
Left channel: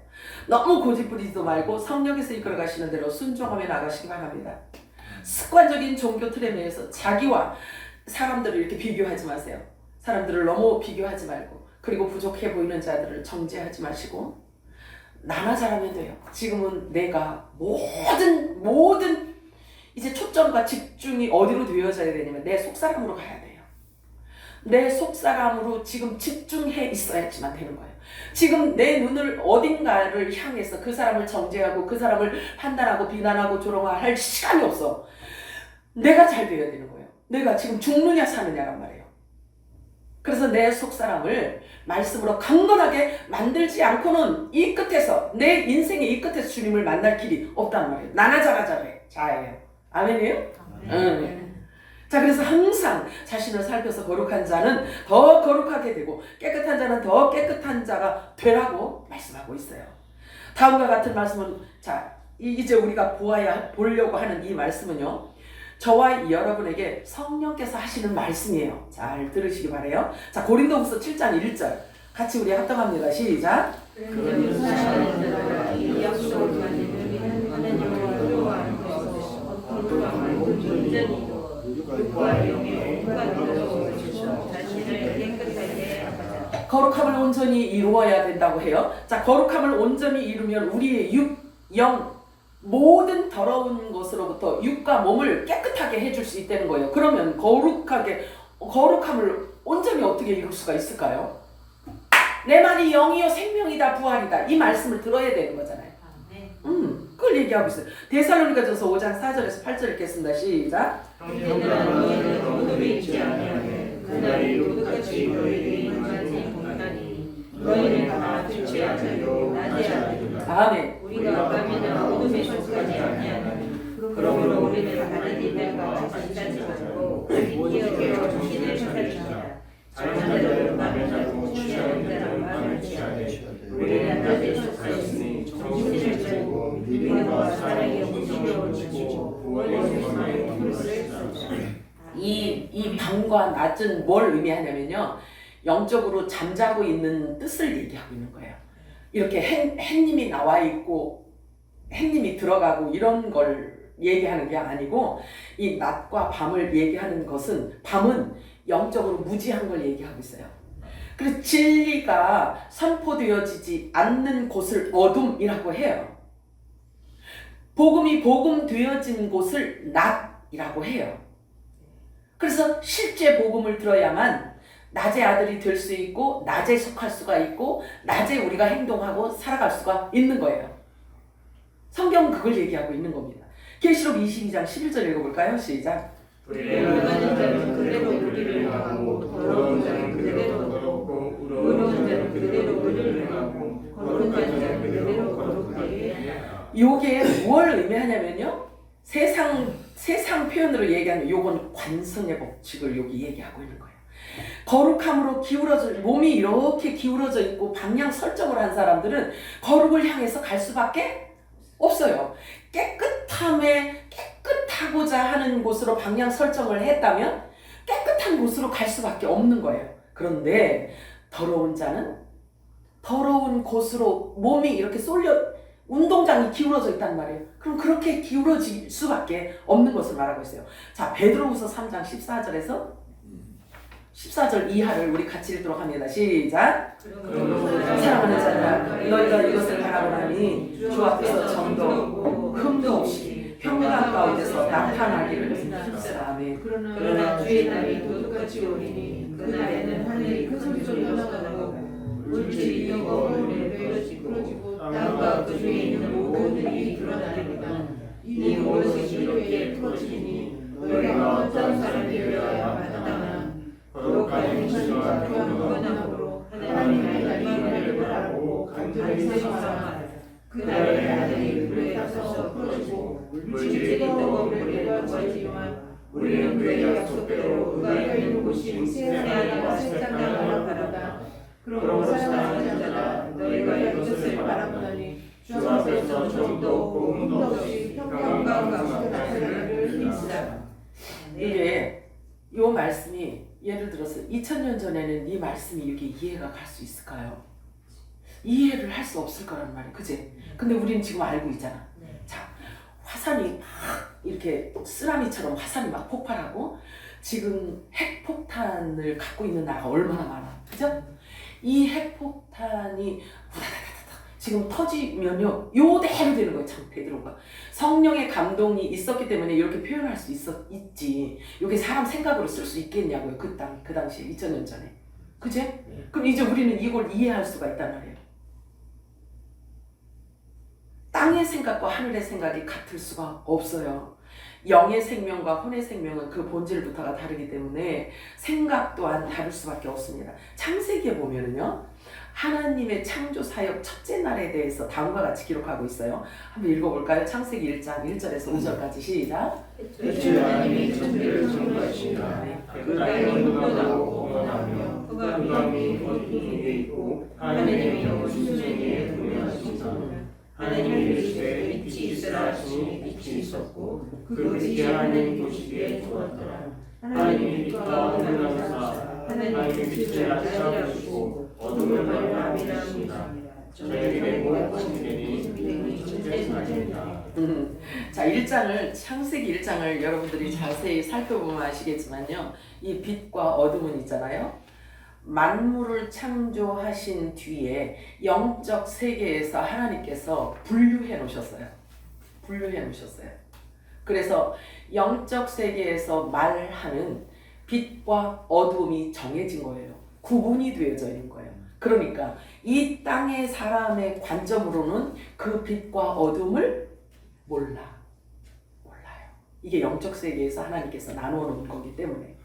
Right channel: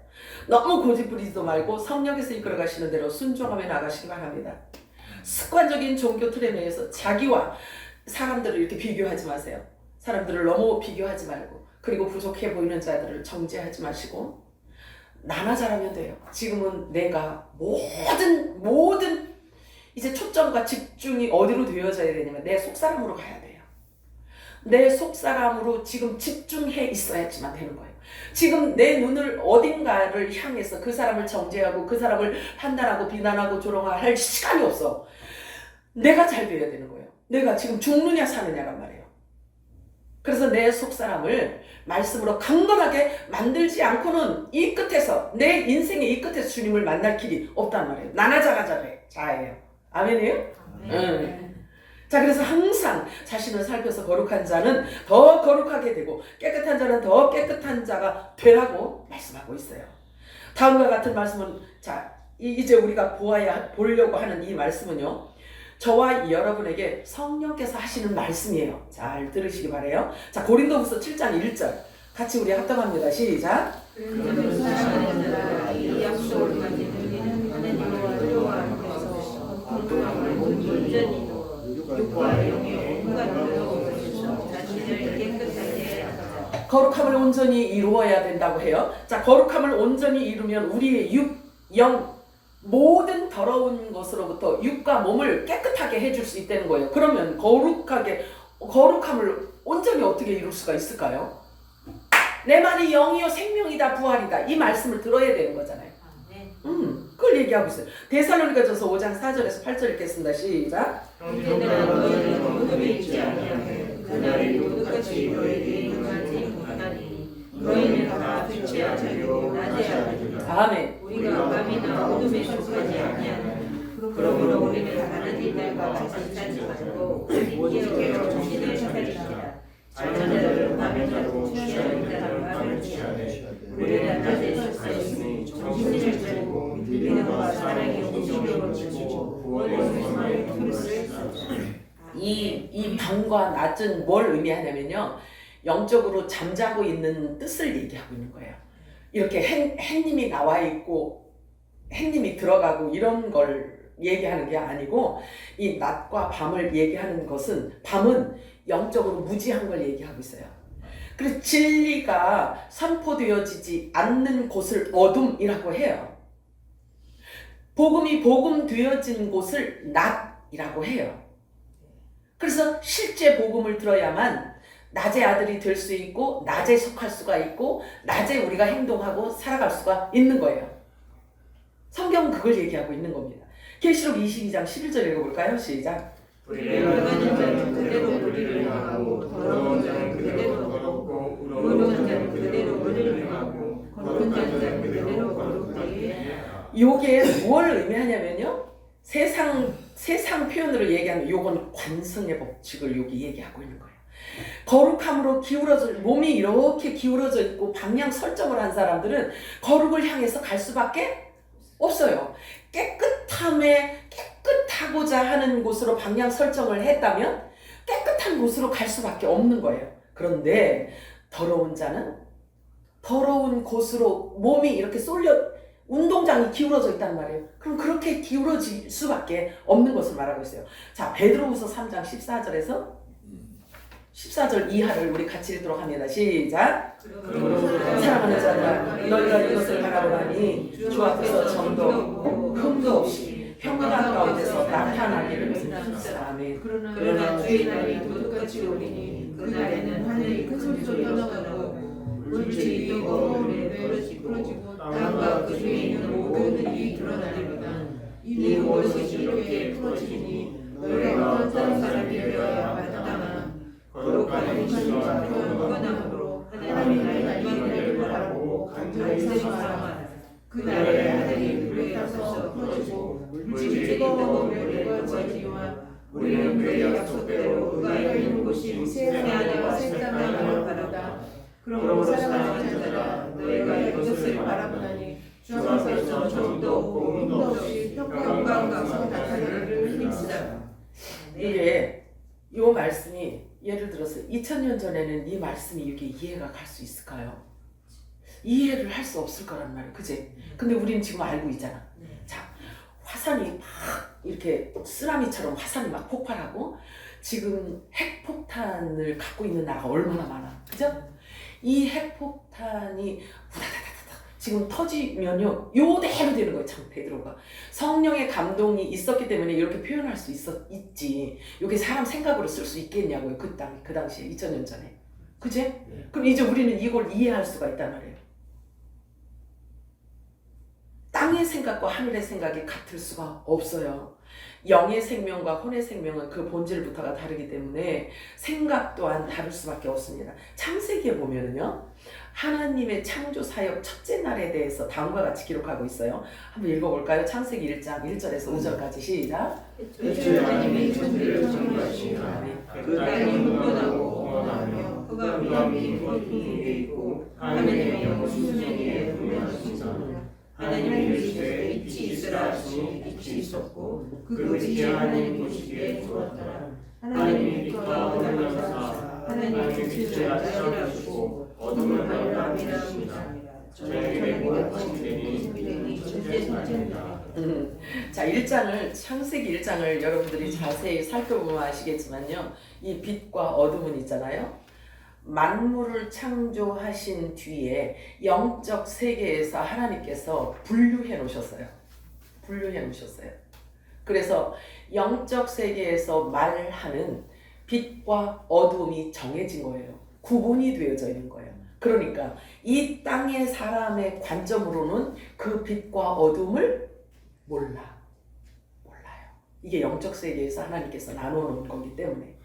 너무 고집 부리지도 말고 성령께서 이끌어 가시는 대로 순종하며 나가시기 바랍니다. 습관적인 종교 틀에 의해서 자기와 사람들을 이렇게 비교하지 마세요. 사람들을 너무 비교하지 말고 그리고 부족해 보이는 자들을 정죄하지 마시고 나만 잘하면 돼요. 지금은 내가 모든 이제 초점과 집중이 어디로 되어져야 되냐면 내 속사람으로 가야 돼요. 내 속사람으로 지금 집중해 있어야지만 되는 거예요. 지금 내 눈을 어딘가를 향해서 그 사람을 정죄하고 그 사람을 판단하고 비난하고 조롱할 시간이 없어. 내가 잘 돼야 되는 거예요. 내가 지금 죽느냐 사느냐란 말이에요. 그래서 내 속사람을 말씀으로 강건하게 만들지 않고는 이 끝에서 내 인생의 이 끝에서 주님을 만날 길이 없단 말이에요. 나나 자예요. 아멘이에요? 자, 그래서 항상 자신을 살펴서 거룩한 자는 더 거룩하게 되고 깨끗한 자는 더 깨끗한 자가 되라고 말씀하고 있어요. 다음과 같은 말씀은 이제 우리가 보려고 하는 이 말씀은요. 저와 여러분에게 성령께서 하시는 말씀이에요. 잘 들으시기 바라요. 자, 고린도후서 7장 1절 같이 우리 합독합니다. 시작. 그런 사람들아 이 약속을 받는 하나님을 의로워하면서 거룩함을 온전히 육과 영의 온갖 의로워서 자신을 깨끗하게 하자. 거룩함을 온전히 이루어야 된다고 해요. 자, 거룩함을 온전히 이루면 우리의 육, 영, 모든 더러운 것으로부터 육과 몸을 깨끗하게 해줄 수 있다는 거예요. 그러면 거룩함을 온전히 어떻게 이룰 수가 있을까요? 내 말이 영이요 생명이다 부활이다 이 말씀을 들어야 되는 거잖아요. 그걸 얘기하고 있어요. 데살로니가전서 5장 4절에서 8절 읽겠습니다. 시작. 형제들아 너희는 어둠에 있지 아니하되 그날이 똑같이 너희에게 임하지 못하니 너희는 다 빛의 아들이요 낮의 아들이라. 아멘. 우리가 밤이나 어둠에 속하지 아니하니 그러므로 우리는 다른 이들과 같이 살지 말고 오직 정신을 차리자. 자는 자들은 밤을 자고 취하는 자는 밤을 취하되 우리는 낮에 속하였으니 정신을 차리고 믿음과 사랑의 힘을 얻으시고 구원의 소망의 힘을 쓰시다. 이 밤과 낮은 뭘 의미하냐면요. 영적으로 잠자고 있는 뜻을 얘기하고 있는 거예요. 이렇게 햇님이 나와 있고 햇님이 들어가고 이런 걸 얘기하는 게 아니고 이 낮과 밤을 얘기하는 것은 밤은 영적으로 무지한 걸 얘기하고 있어요. 그래서 진리가 선포되어지지 않는 곳을 어둠이라고 해요. 복음이 복음되어진 곳을 낮이라고 해요. 그래서 실제 복음을 들어야만 낮의 아들이 될 수 있고 낮에 속할 수가 있고 낮에 우리가 행동하고 살아갈 수가 있는 거예요. 성경은 그걸 얘기하고 있는 겁니다. 계시록 22장 11절 읽어볼까요? 시작. 불의하는 자는 그대로 불의를 행하고 더러운 자는 그대로 더럽고 의로운 자는 그대로 의를 행하고 거룩한 자는 그대로 거룩하게 하라. 요게 뭘 의미하냐면요. 세상 표현으로 얘기하는 요건 관성의 법칙을 여기 얘기하고 있는 거예요. 거룩함으로 몸이 이렇게 기울어져 있고 방향 설정을 한 사람들은 거룩을 향해서 갈 수밖에 없어요. 깨끗하고자 하는 곳으로 방향 설정을 했다면 깨끗한 곳으로 갈 수밖에 없는 거예요. 그런데 더러운 자는 더러운 곳으로 몸이 이렇게 운동장이 기울어져 있단 말이에요. 그럼 그렇게 기울어질 수밖에 없는 것을 말하고 있어요. 자, 베드로후서 3장 14절 이하를 우리 같이 읽도록 합니다. 시작. 사랑하는 자들아 너희가 이것을 바라보나니 주 앞에서 점도 없고 흠도 없이 평강 가운데서 나타나기를 힘쓰라. 아멘. 그러나 주의 날이 도둑같이 오리니 그날에는 하늘이 큰 소리로 나고 물질이 뜨거운 물에 떨어지고 땅과 그 중에 있는 모든 일이 드러나리로다. 이 모든 것이 이렇게 풀어지니 너희가 어떤 사람이 되어야 마땅하나 거룩한 행실과 평안함으로 하나님의 날만을 바라보고 간절히 사랑하라. 그날에 하늘이 불에 앞서서 풀어지고 물질이 뜨거운 물에 떨어지지만 우리는 그의 약속대로 그가 있는 곳이 세상과 새 땅을 바라다. 그러므로 사랑하는 자들아 너희가 이것을 바라보니 주 앞에서 점도 없고 흠도 없이 평강 가운데 살기를 힘쓰라. 이게 이 말씀이 예를 들어서 2000년 전에는 이 말씀이 이렇게 이해가 갈 수 있을까요? 이해를 할 수 없을 거란 말이에요. 그치? 근데 우리는 지금 알고 있잖아. 자, 화산이 막 이렇게 쓰나미처럼 화산이 막 폭발하고 지금 핵폭탄을 갖고 있는 나라가 얼마나 많아. 그죠? 이 핵폭탄이 후다다다다 지금 터지면요 요대로 되는 거예요. 참 베드로가 성령의 감동이 있었기 때문에 이렇게 표현할 수 있지. 이게 사람 생각으로 쓸 수 있겠냐고요. 그 당시에 2000년 전에. 그치? 그럼 이제 우리는 이걸 이해할 수가 있단 말이에요. 땅의 생각과 하늘의 생각이 같을 수가 없어요. 영의 생명과 혼의 생명은 그 본질부터가 다르기 때문에 생각 또한 다를 수밖에 없습니다. 창세기에 보면은요, 하나님의 창조 사역 첫째 날에 대해서 다음과 같이 기록하고 있어요. 한번 읽어볼까요? 창세기 1장 1절에서 5절까지 시작. 대체 하나님이 천지를 창조하시나 그 땅이 험난하고 험하며 흑암이 곧 위에 있고 하늘의 영은 수중에 분명하시나 하나님이 이르시되 빛이 있으라 하시니 빛이 있었고 그 빛이 하나님 보시기에 좋았더라. 하나님이 빛과 어둠을 하사 하나님의 빛을 낮이라 하시고 어둠을 밝이라 하시니라. 저에게 모든 되니 전쟁하리라. 자, 1장을 창세기 1장을 여러분들이 자세히 살펴보면 아시겠지만요. 이 빛과 어둠은 있잖아요. 만물을 창조하신 뒤에 영적 세계에서 하나님께서 분류해 놓으셨어요. 분류해 놓으셨어요. 그래서 영적 세계에서 말하는 빛과 어둠이 정해진 거예요. 구분이 되어져 있는 거예요. 그러니까 이 땅의 사람의 관점으로는 그 빛과 어둠을 몰라요. 이게 영적 세계에서 하나님께서 나누어 놓은 거기 때문에.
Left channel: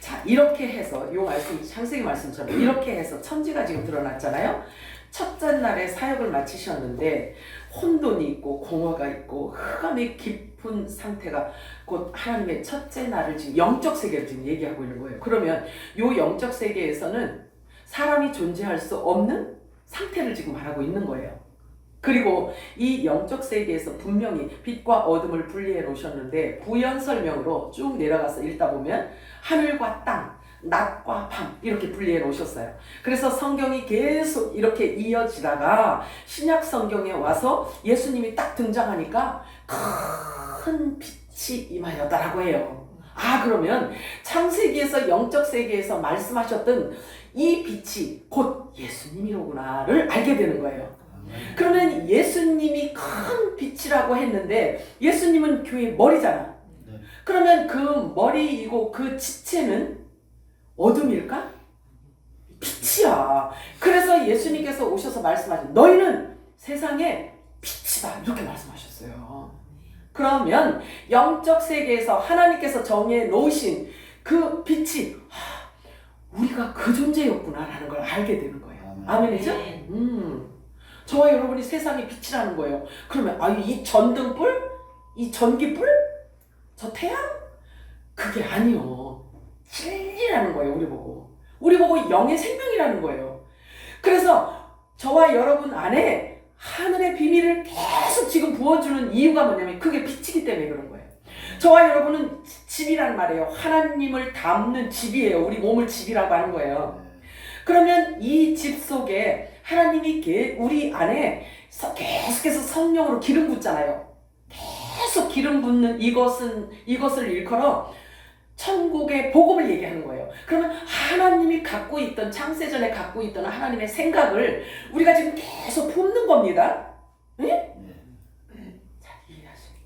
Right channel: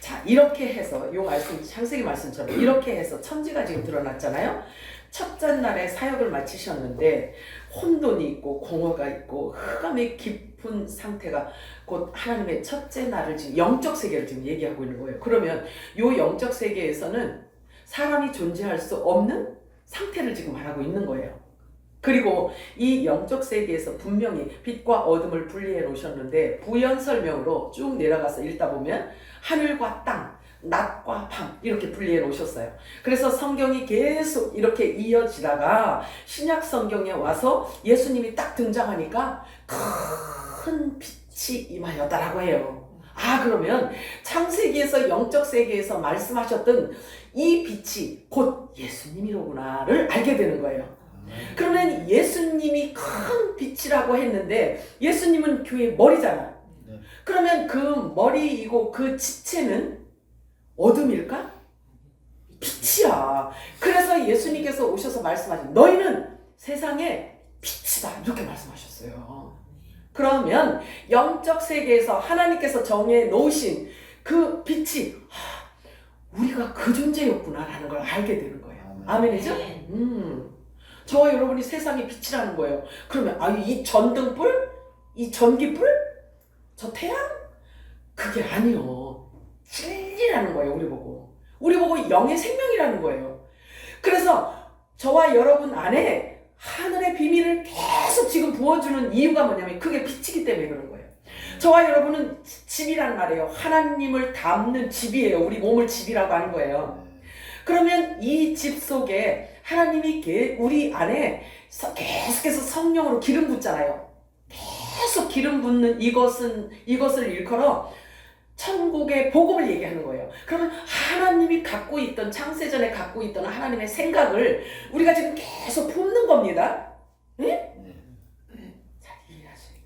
자, 이렇게 해서 요 말씀, 창세기 말씀처럼 이렇게 해서 천지가 지금 드러났잖아요. 첫째 날에 사역을 마치셨는데 혼돈이 있고 공허가 있고 흑암의 깊은 상태가 곧 하나님의 첫째 날을 지금 영적 세계를 지금 얘기하고 있는 거예요. 그러면 요 영적 세계에서는 사람이 존재할 수 없는 상태를 지금 말하고 있는 거예요. 그리고 이 영적 세계에서 분명히 빛과 어둠을 분리해 놓으셨는데 부연 설명으로 쭉 내려가서 읽다 보면 하늘과 땅, 낮과 밤 이렇게 분리해 놓으셨어요. 그래서 성경이 계속 이렇게 이어지다가 신약 성경에 와서 예수님이 딱 등장하니까 큰 빛이 임하였다라고 해요. 아, 그러면 창세기에서 영적 세계에서 말씀하셨던 이 빛이 곧 예수님이로구나를 알게 되는 거예요. 그러면 예수님이 큰 빛이라고 했는데 예수님은 교회의 머리잖아. 그러면 그 머리이고 그 지체는 어둠일까? 빛이야. 그래서 예수님께서 오셔서 말씀하신 너희는 세상의 빛이다 이렇게 말씀하셨어요. 그러면 영적 세계에서 하나님께서 정해 놓으신 그 빛이 우리가 그 존재였구나라는 걸 알게 되는 거예요. 아멘이죠? 저와 여러분이 세상의 빛이라는 거예요. 그러면 이 전등불? 이 전기불? 저 태양? 그게 아니요. 진리라는 거예요. 우리 보고 영의 생명이라는 거예요. 그래서 저와 여러분 안에 하늘의 비밀을 계속 지금 부어주는 이유가 뭐냐면 그게 빛이기 때문에 그런 거예요. 저와 여러분은 집이란 말이에요. 하나님을 담는 집이에요. 우리 몸을 집이라고 하는 거예요. 그러면 이 집 속에 하나님이 우리 안에 계속해서 성령으로 기름 붓잖아요. 계속 기름 붓는 이것을 일컬어 천국의 복음을 얘기하는 거예요. 그러면 하나님이 갖고 있던 창세전에 갖고 있던 하나님의 생각을 우리가 지금 계속 품는 겁니다. 네? 잘 이해하시니까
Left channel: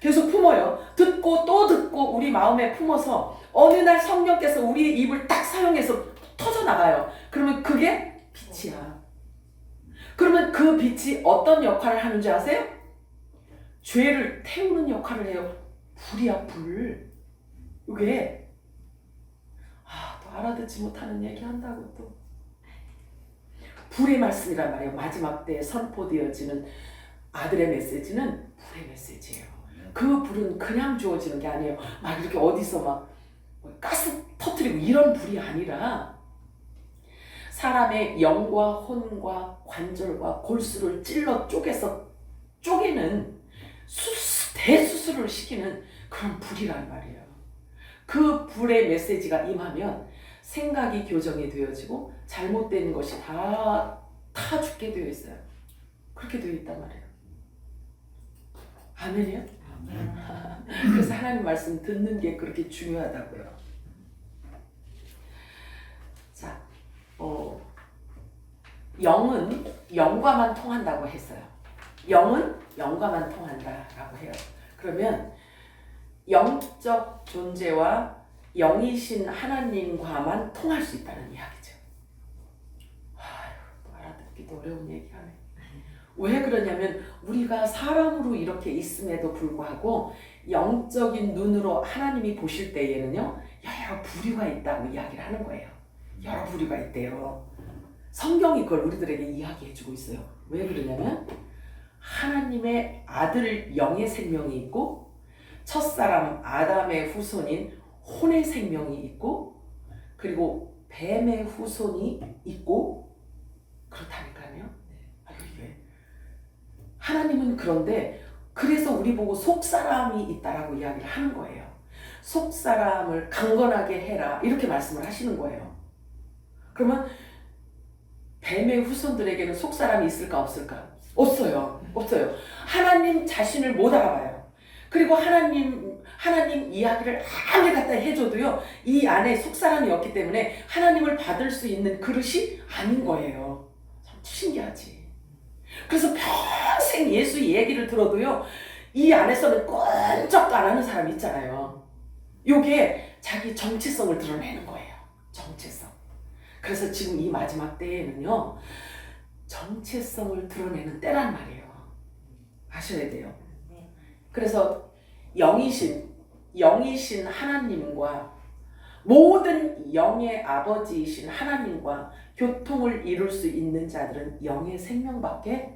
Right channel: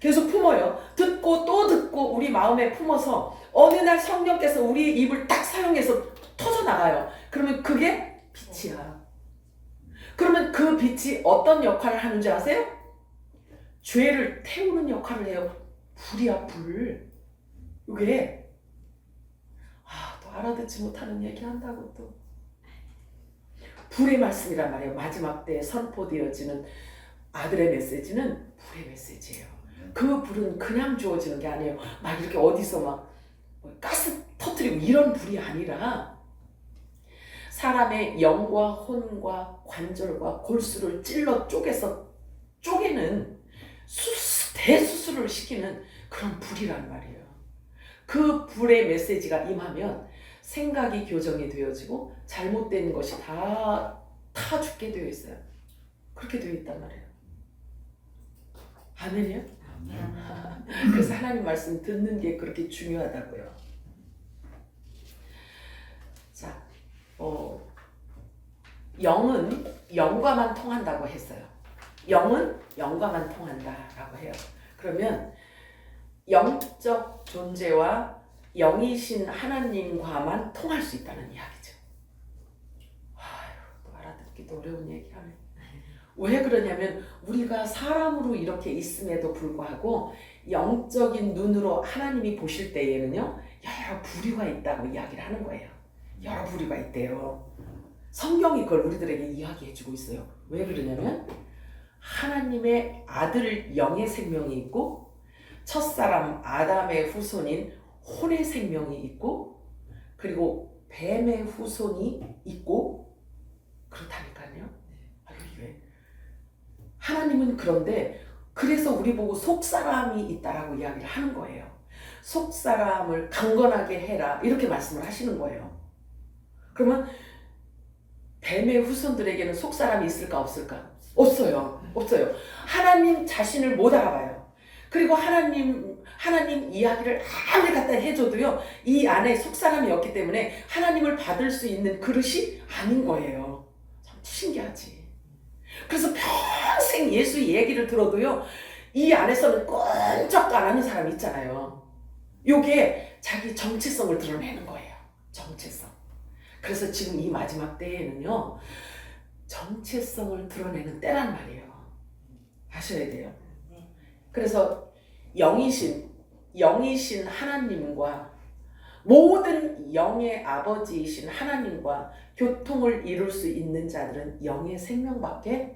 계속 품어요. 듣고 또 듣고 우리 마음에 품어서 어느 날 성령께서 우리의 입을 딱 사용해서 터져나가요. 그러면 그게 빛이야. 그러면 그 빛이 어떤 역할을 하는지 아세요? 죄를 태우는 역할을 해요. 불이야, 불. 이게 또 알아듣지 못하는 얘기 한다고 또. 불의 말씀이란 말이에요. 마지막 때에 선포되어지는 아들의 메시지는 불의 메시지예요. 그 불은 그냥 주어지는 게 아니에요. 막 이렇게 어디서 막 가스 터뜨리고 이런 불이 아니라 사람의 영과 혼과 관절과 골수를 찔러 쪼개는 대수술을 시키는 그런 불이란 말이에요. 그 불의 메시지가 임하면 생각이 교정이 되어지고 잘못된 것이 다 죽게 되어 있어요. 그렇게 되어 있단 말이에요. 아멘이요? 그래서 하나님 말씀 듣는 게 그렇게 중요하다고요. 자, 영은 영과만 통한다고 했어요. 영은 영과만 통한다라고 해요. 그러면 영적 존재와 영이신 하나님과만 통할 수 있다는 이야기죠. 또 알아듣기도 어려운 얘기하네. 왜 그러냐면 우리가 사람으로 이렇게 있음에도 불구하고 영적인 눈으로 하나님이 보실 때에는요 여러 부류가 있다고 이야기를 하는 거예요. 여러 부류가 있대요. 성경이 그걸 우리들에게 이야기해주고 있어요. 왜 그러냐면 하나님의 아들 영의 생명이 있고 첫사람 아담의 후손인 혼의 생명이 있고 그리고 뱀의 후손이 있고 그렇다니까요. 여기 왜 여러분 그런데 그래서 우리 보고 속사람이 있다라고 이야기를 하는 거예요. 속사람을 강건하게 해라 이렇게 말씀을 하시는 거예요. 그러면 뱀의 후손들에게는 속사람이 있을까 없을까? 없어요. 없어요. 하나님 자신을 못 알아봐요. 그리고 하나님 이야기를 아무리 갖다 해줘도요, 이 안에 속사람이 없기 때문에 하나님을 받을 수 있는 그릇이 아닌 거예요. 참 신기하지. 그래서 평생 예수 얘기를 들어도요, 이 안에서는 꼼짝도 안 하는 사람이 있잖아요. 요게 자기 정체성을 드러내는 거예요. 정체성. 그래서 지금 이 마지막 때에는요, 정체성을 드러내는 때란 말이에요. 아셔야 돼요. 그래서 영이신 하나님과 모든 영의 아버지이신 하나님과 교통을 이룰 수 있는 자들은 영의 생명밖에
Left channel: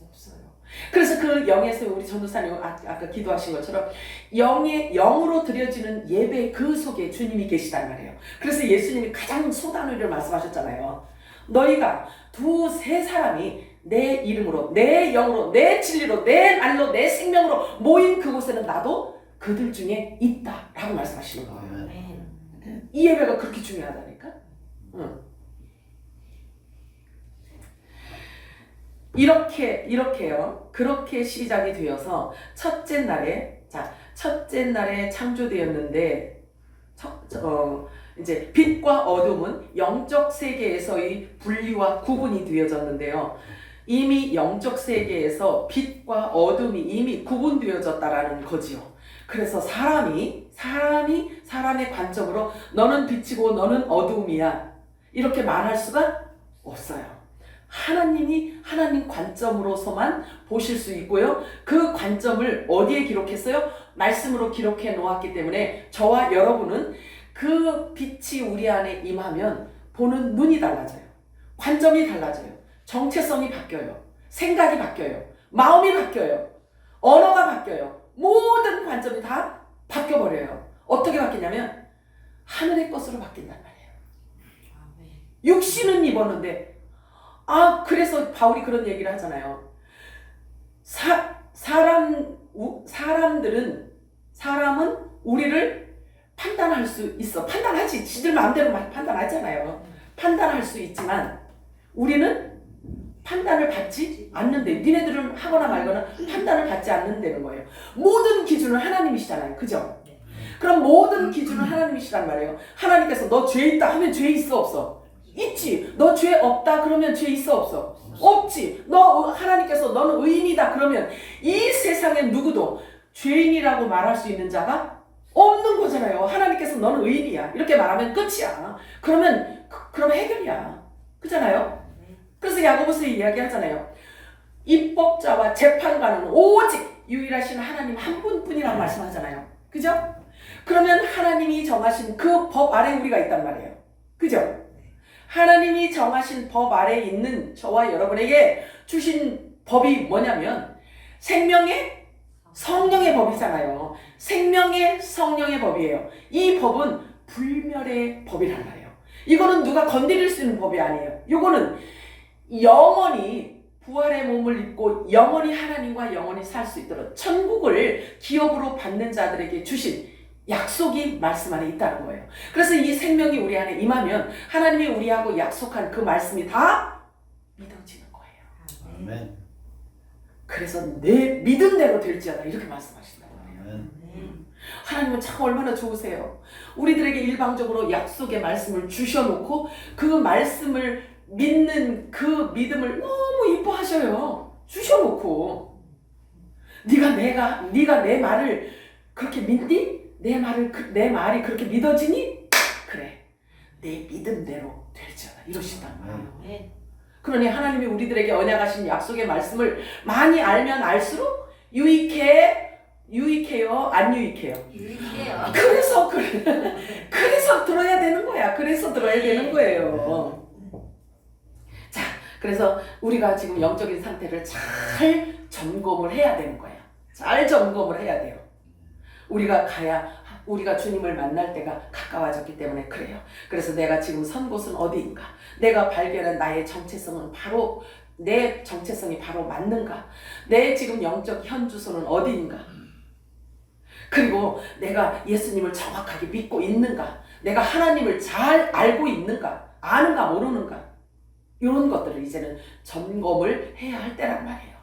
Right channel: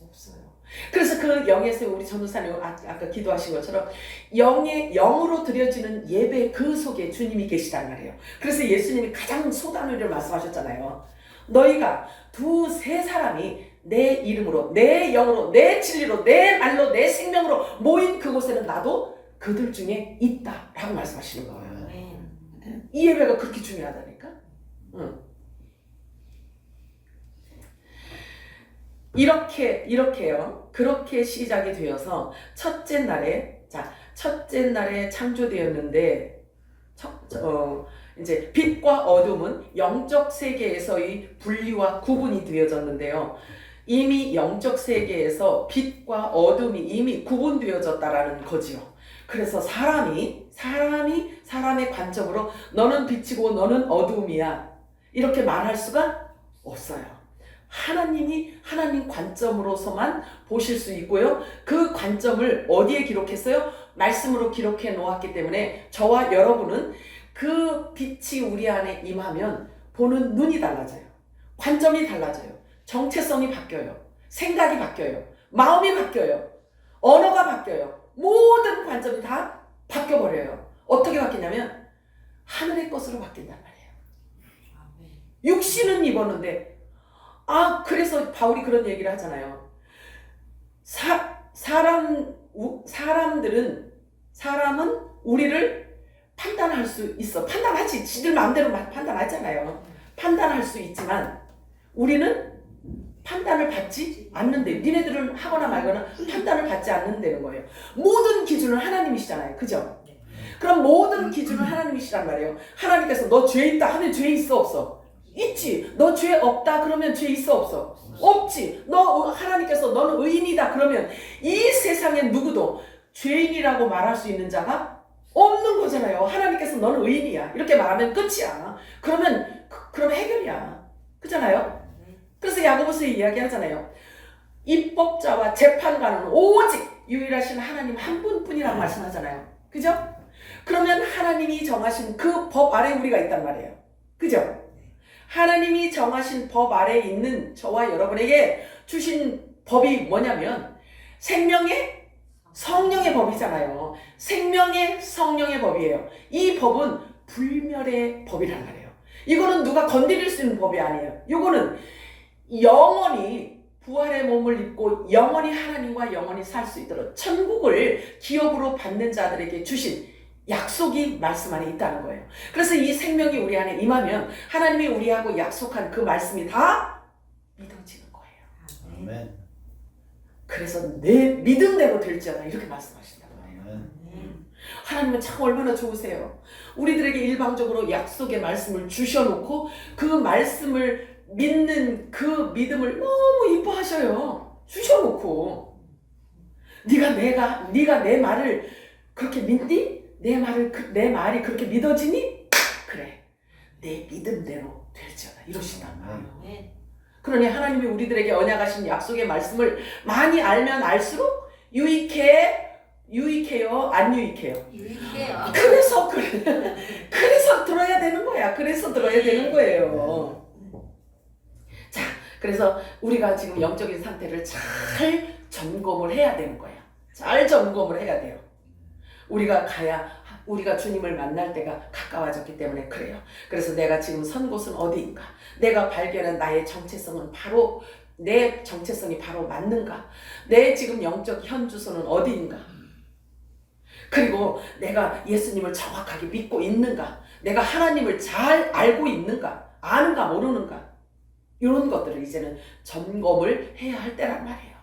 없어요. 그래서 그 영의 생명, 우리 전도사님 아까 기도하신 것처럼 영으로 드려지는 예배 그 속에 주님이 계시단 말이에요. 그래서 예수님이 가장 소단의를 말씀하셨잖아요. 너희가 두세 사람이 내 이름으로, 내 영으로, 내 진리로, 내 말로, 내 생명으로 모인 그곳에는 나도 그들 중에 있다 라고 말씀하시는 거예요. 이 예배가 그렇게 중요하다니까. 이렇게요. 그렇게 시작이 되어서 첫째 날에 창조되었는데 이제 빛과 어둠은 영적 세계에서의 분리와 구분이 되어졌는데요. 이미 영적 세계에서 빛과 어둠이 이미 구분되어졌다라는 거지요. 그래서 사람이 사람의 관점으로 너는 빛이고 너는 어둠이야 이렇게 말할 수가 없어요. 하나님이 하나님 관점으로서만 보실 수 있고요. 그 관점을 어디에 기록했어요? 말씀으로 기록해 놓았기 때문에 저와 여러분은 그 빛이 우리 안에 임하면 보는 눈이 달라져요. 관점이 달라져요. 정체성이 바뀌어요. 생각이 바뀌어요. 마음이 바뀌어요. 언어가 바뀌어요. 모든 관점이 다 바뀌어버려요. 어떻게 바뀌냐면 하늘의 것으로 바뀐단 말이에요. 육신은 입었는데 그래서 바울이 그런 얘기를 하잖아요. 사람은 우리를 판단할 수 있어. 판단하지. 지들 마음대로 판단하잖아요. 판단할 수 있지만 우리는 판단을 받지 않는데, 니네들은 하거나 말거나 판단을 받지 않는다는 거예요. 모든 기준은 하나님이시잖아요. 그죠? 그럼 모든 기준은 하나님이시란 말이에요. 하나님께서 너 죄 있다 하면 죄 있어 없어? 있지. 너 죄 없다 그러면 죄 있어 없어? 없지. 하나님께서 너는 의인이다 그러면 이 세상에 누구도 죄인이라고 말할 수 있는 자가 없는 거잖아요. 하나님께서 너는 의인이야 이렇게 말하면 끝이야. 그럼 해결이야. 그잖아요. 그래서 야고보서에 이야기하잖아요. 입법자와 재판관은 오직 유일하신 하나님 한 분뿐이라고 말씀하잖아요. 그죠? 그러면 하나님이 정하신 그 법 아래 우리가 있단 말이에요. 그죠? 하나님이 정하신 법 아래 있는 저와 여러분에게 주신 법이 뭐냐면 생명의 성령의 법이잖아요. 생명의 성령의 법이에요. 이 법은 불멸의 법이란 말이에요. 이거는 누가 건드릴 수 있는 법이 아니에요. 이거는 영원히 부활의 몸을 입고 영원히 하나님과 영원히 살 수 있도록 천국을 기업으로 받는 자들에게 주신 약속이 말씀 안에 있다는 거예요. 그래서 이 생명이 우리 안에 임하면 하나님이 우리하고 약속한 그 말씀이 다 믿어지는 거예요. 아멘. 그래서 내 믿음대로 될지어다 이렇게 말씀하신다는 거예요. 하나님은 참 얼마나 좋으세요. 우리들에게 일방적으로 약속의 말씀을 주셔놓고 그 말씀을 믿는 그 믿음을 너무 이뻐하셔요. 주셔놓고 네가 내 말을 그렇게 믿니? 내 말이 그렇게 믿어지니? 그래, 내 믿음대로 될지어다 이러신단 말이에요. 그러니 하나님이 우리들에게 언약하신 약속의 말씀을 많이 알면 알수록 유익해요? 안 유익해요? 유익해요. 그래서 들어야 되는 거야. 그래서 들어야 되는 거예요. 자, 그래서 우리가 지금 영적인 상태를 잘 점검을 해야 되는 거야. 잘 점검을 해야 돼요. 우리가 주님을 만날 때가 가까워졌기 때문에 그래요. 그래서 내가 지금 선 곳은 어디인가? 내가 발견한 나의 정체성은 바로 내 정체성이 바로 맞는가? 내 지금 영적 현 주소는 어디인가? 그리고 내가 예수님을 정확하게 믿고 있는가? 내가 하나님을 잘 알고 있는가? 아는가 모르는가? 이런 것들을 이제는 점검을 해야 할 때란 말이에요.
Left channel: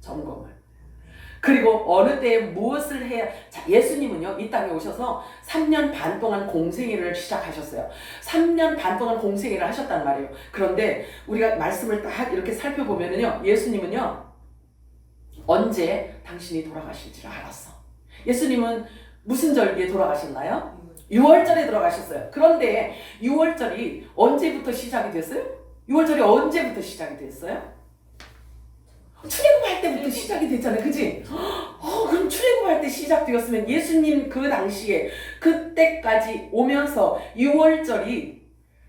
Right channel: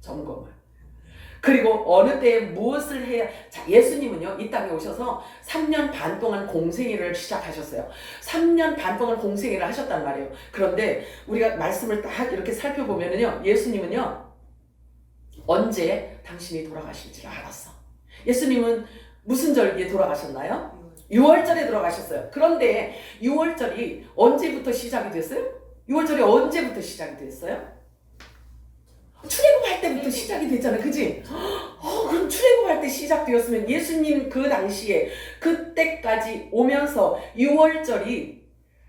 점검을. 그리고 어느 때에 무엇을 해야, 자, 예수님은요, 이 땅에 오셔서 3년 반 동안 공생애를 시작하셨어요. 3년 반 동안 공생애를 하셨단 말이에요. 그런데 우리가 말씀을 딱 이렇게 살펴보면요, 예수님은요, 언제 당신이 돌아가실지를 알았어. 예수님은 무슨 절기에 돌아가셨나요? 6월절에 돌아가셨어요. 그런데 6월절이 언제부터 시작이 됐어요? 6월절이 언제부터 시작이 됐어요? 출애굽할 때부터 시작이 됐잖아요. 그지? 그럼 출애굽할 때 시작되었으면 예수님 그 당시에 그때까지 오면서 6월절이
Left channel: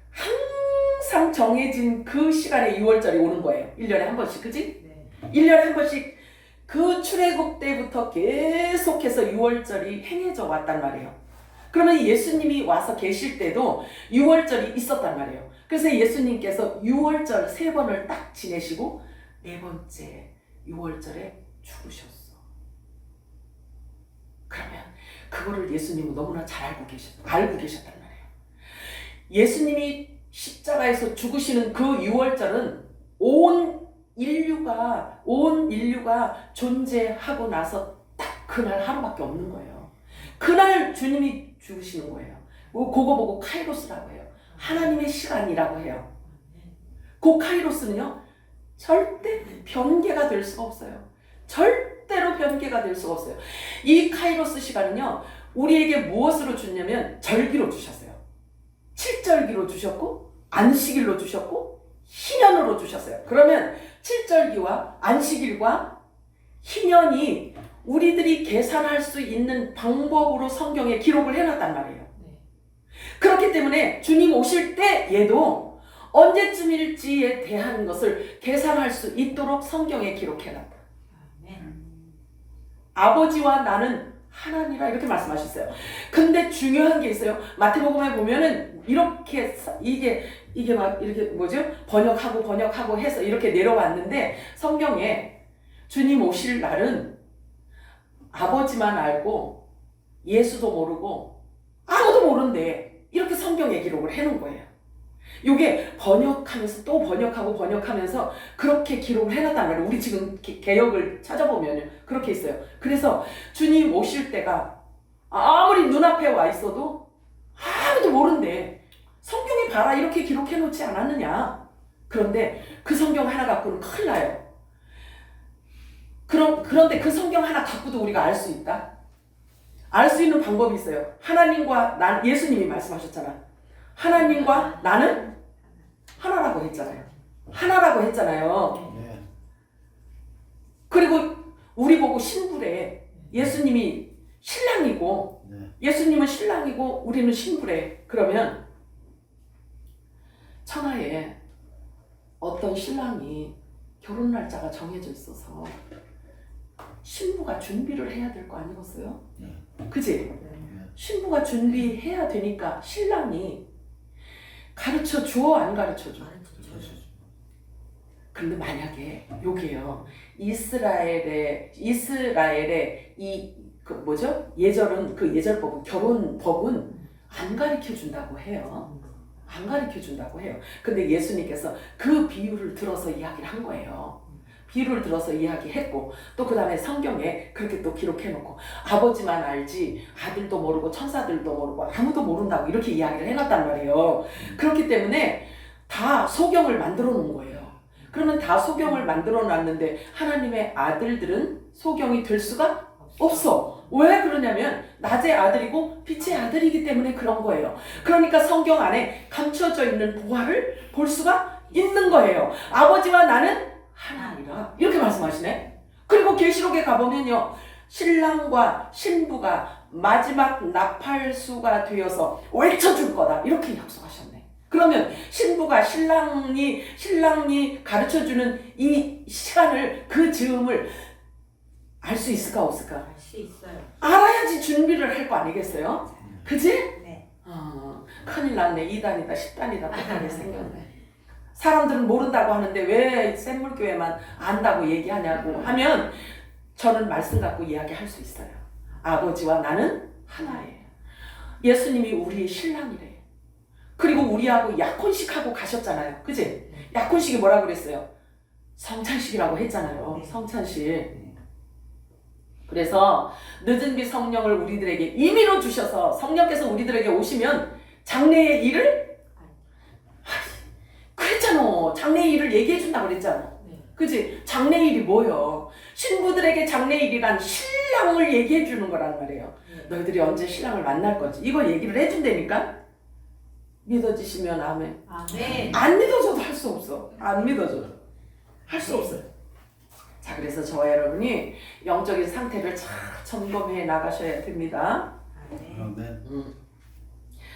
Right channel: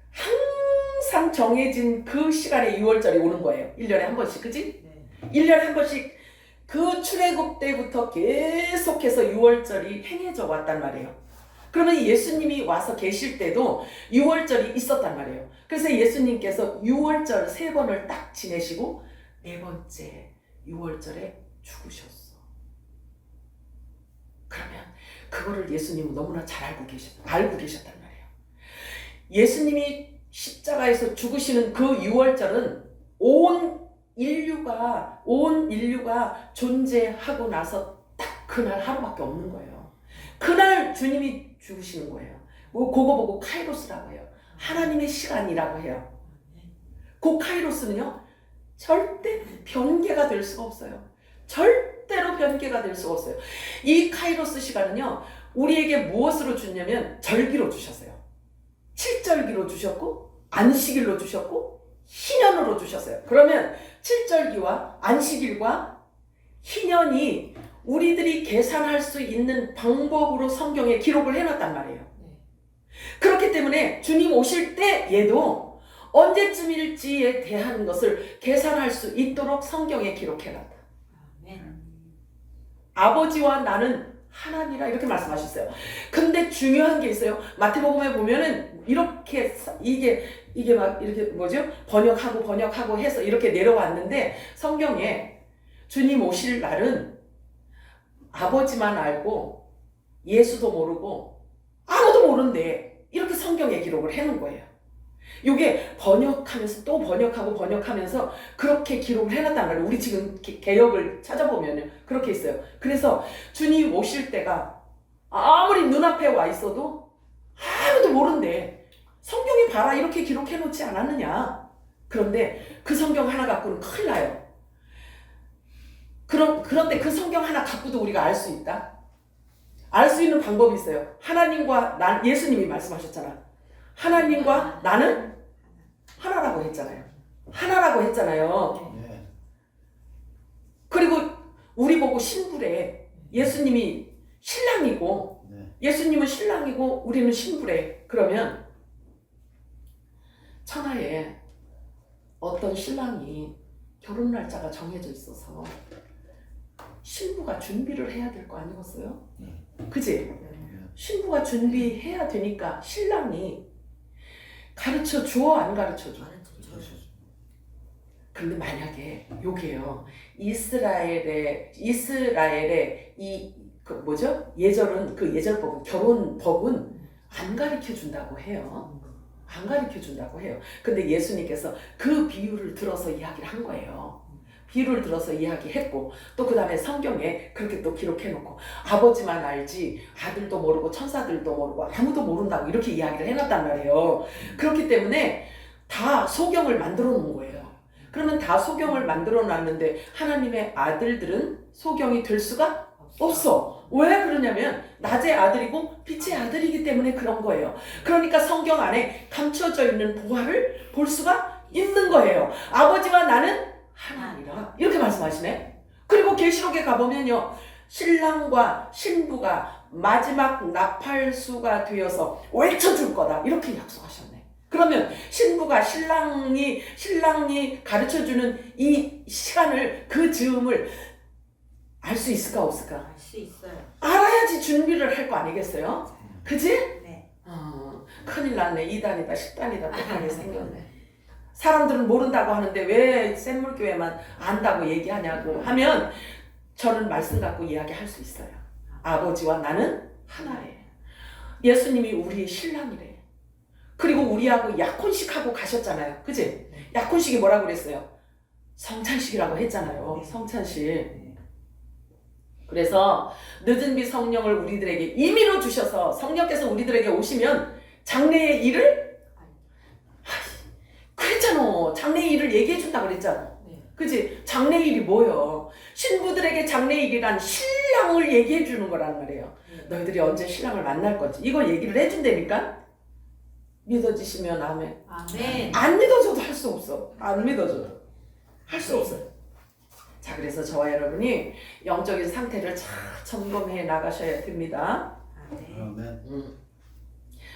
항상 정해진 그 시간에 6월절이 오는 거예요. 1년에 한 번씩. 그지? 네. 1년에 한 번씩 그 출애굽 때부터 계속해서 6월절이 행해져 왔단 말이에요. 그러면 예수님이 와서 계실 때도 6월절이 있었단 말이에요. 그래서 예수님께서 6월절 3번을 딱 지내시고 4번째 6월절에 죽으셨어. 그러면 그거를 예수님은 너무나 잘 알고 계셨단 말이에요. 예수님이 십자가에서 죽으시는 그 6월절은 온 인류가 존재하고 나서 딱 그날 하루밖에 없는 거예요. 그날 주님이 죽으시는 거예요. 그거 보고 카이로스라고 해요. 하나님의 시간이라고 해요. 그 카이로스는요, 절대 변개가 될 수가 없어요. 절대로 변개가 될 수가 없어요. 이 카이로스 시간은요, 우리에게 무엇으로 주냐면 절기로 주셨어요. 7절기로 주셨고, 안식일로 주셨고, 희년으로 주셨어요. 그러면 7절기와 안식일과 희년이 우리들이 계산할 수 있는 방법으로 성경에 기록을 해놨단 말이에요. 그렇기 때문에 주님 오실 때 얘도 언제쯤일지에 대한 것을 계산할 수 있도록 성경에 기록해놨다. 아버지와 나는 하나니라 이렇게 말씀하셨어요. 근데 중요한 게 있어요. 마태복음에 보면은 이렇게 이게 막 이렇게 뭐죠? 번역하고 해서 이렇게 내려왔는데 성경에 주님 오실 날은 아버지만 알고 예수도 모르고 아무도 모른대. 이렇게 성경에 기록을 해놓은 거예요. 이게 번역하면서 또 번역하면서 그렇게 기록을 해놨단 말이에요. 우리 지금 개역을 찾아보면 그렇게 있어요. 그래서 주님 오실 때가 아무리 눈앞에 와 있어도 아무도 모른대. 성경에 봐라 이렇게 기록해놓지 않았느냐. 그런데 그 성경 하나 갖고는 큰일 나요. 그런데 그 성경 하나 갖고도 우리가 알 수 있다? 알 수 있는 방법이 있어요. 하나님과 예수님이 말씀하셨잖아. 하나님과 나는 하나라고 했잖아요. 하나라고 했잖아요. 네. 그리고 우리 보고 신부래. 예수님이 신랑이고 네. 예수님은 신랑이고 우리는 신부래. 그러면 천하에 어떤 신랑이 결혼 날짜가 정해져 있어서 신부가 준비를 해야 될 거 아니겠어요? 그지? 신부가 준비해야 되니까 신랑이 가르쳐 줘, 안 가르쳐 줘? 근데 만약에 요게요, 이스라엘의 그 뭐죠? 예절법은 결혼법은 안 가르쳐 준다고 해요. 안 가르쳐 준다고 해요. 근데 예수님께서 그 비유를 들어서 이야기를 한 거예요. 비유를 들어서 이야기했고 또 그 다음에 성경에 그렇게 또 기록해놓고 아버지만 알지 아들도 모르고 천사들도 모르고 아무도 모른다고 이렇게 이야기를 해놨단 말이에요. 그렇기 때문에 다 소경을 만들어 놓은 거예요. 그러면 다 소경을 만들어 놨는데 하나님의 아들들은 소경이 될 수가 없어. 왜 그러냐면 낮의 아들이고 빛의 아들이기 때문에 그런 거예요. 그러니까 성경 안에 감춰져 있는 보화를 볼 수가 있는 거예요. 아버지와 나는 하나니라 이렇게 말씀하시네. 그리고 계시록에 가보면요, 신랑과 신부가 마지막 나팔수가 되어서 외쳐줄 거다 이렇게 약속하셨네. 그러면 신부가 신랑이 가르쳐주는 이 시간을, 그 즈음을 알 수 있을까 없을까? 알 수 있어요. 알아야지 준비를 할 거 아니겠어요? 그지? 네. 큰일 났네. 2단이다 10단이다 똑하게 생겼네. 사람들은 모른다고 하는데 왜 샘물교회만 안다고 얘기하냐고 하면 저는 말씀 갖고 이야기할 수 있어요. 아버지와 나는 하나예요. 예수님이 우리의 신랑이래. 그리고 우리하고 약혼식하고 가셨잖아요. 그치? 약혼식이 뭐라고 그랬어요? 성찬식이라고 했잖아요. 성찬식. 그래서 늦은 비 성령을 우리들에게 임의로 주셔서 성령께서 우리들에게 오시면 장래의 일을 그랬잖아. 장래의 일을 얘기해 준다고 그랬잖아. 그치? 장래의 일이 뭐예요? 신부들에게 장래의 일이란 신랑을 얘기해 주는 거란 말이에요. 너희들이 언제 신랑을 만날 거지? 이거 얘기를 해준다니까? 믿어지시면 아멘. 아멘. 안 믿어줘도 할 수 없어. 안 믿어줘도 할 수 없어요. 자, 그래서 저와 여러분이 영적인 상태를 잘 점검해 나가셔야 됩니다. 아멘.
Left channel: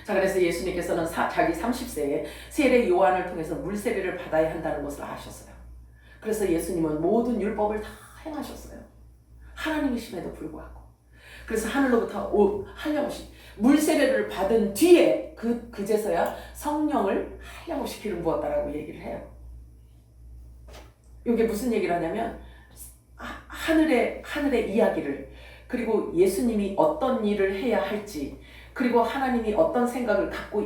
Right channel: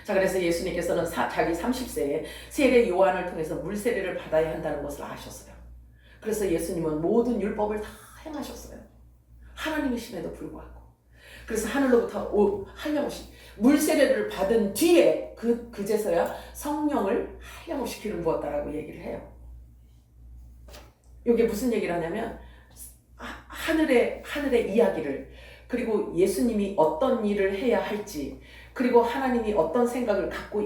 자, 그래서 예수님께서는 자기 30세에 세례 요한을 통해서 물세례를 받아야 한다는 것을 아셨어요. 그래서 예수님은 모든 율법을 다 행하셨어요. 하나님이심에도 불구하고. 그래서 하늘로부터 한량없이 물세례를 받은 뒤에 그제서야 성령을 한량없이 기름 부었다라고 얘기를 해요. 이게 무슨 얘기를 하냐면 하늘의 이야기를, 그리고 예수님이 어떤 일을 해야 할지, 그리고 하나님이 어떤 생각을 갖고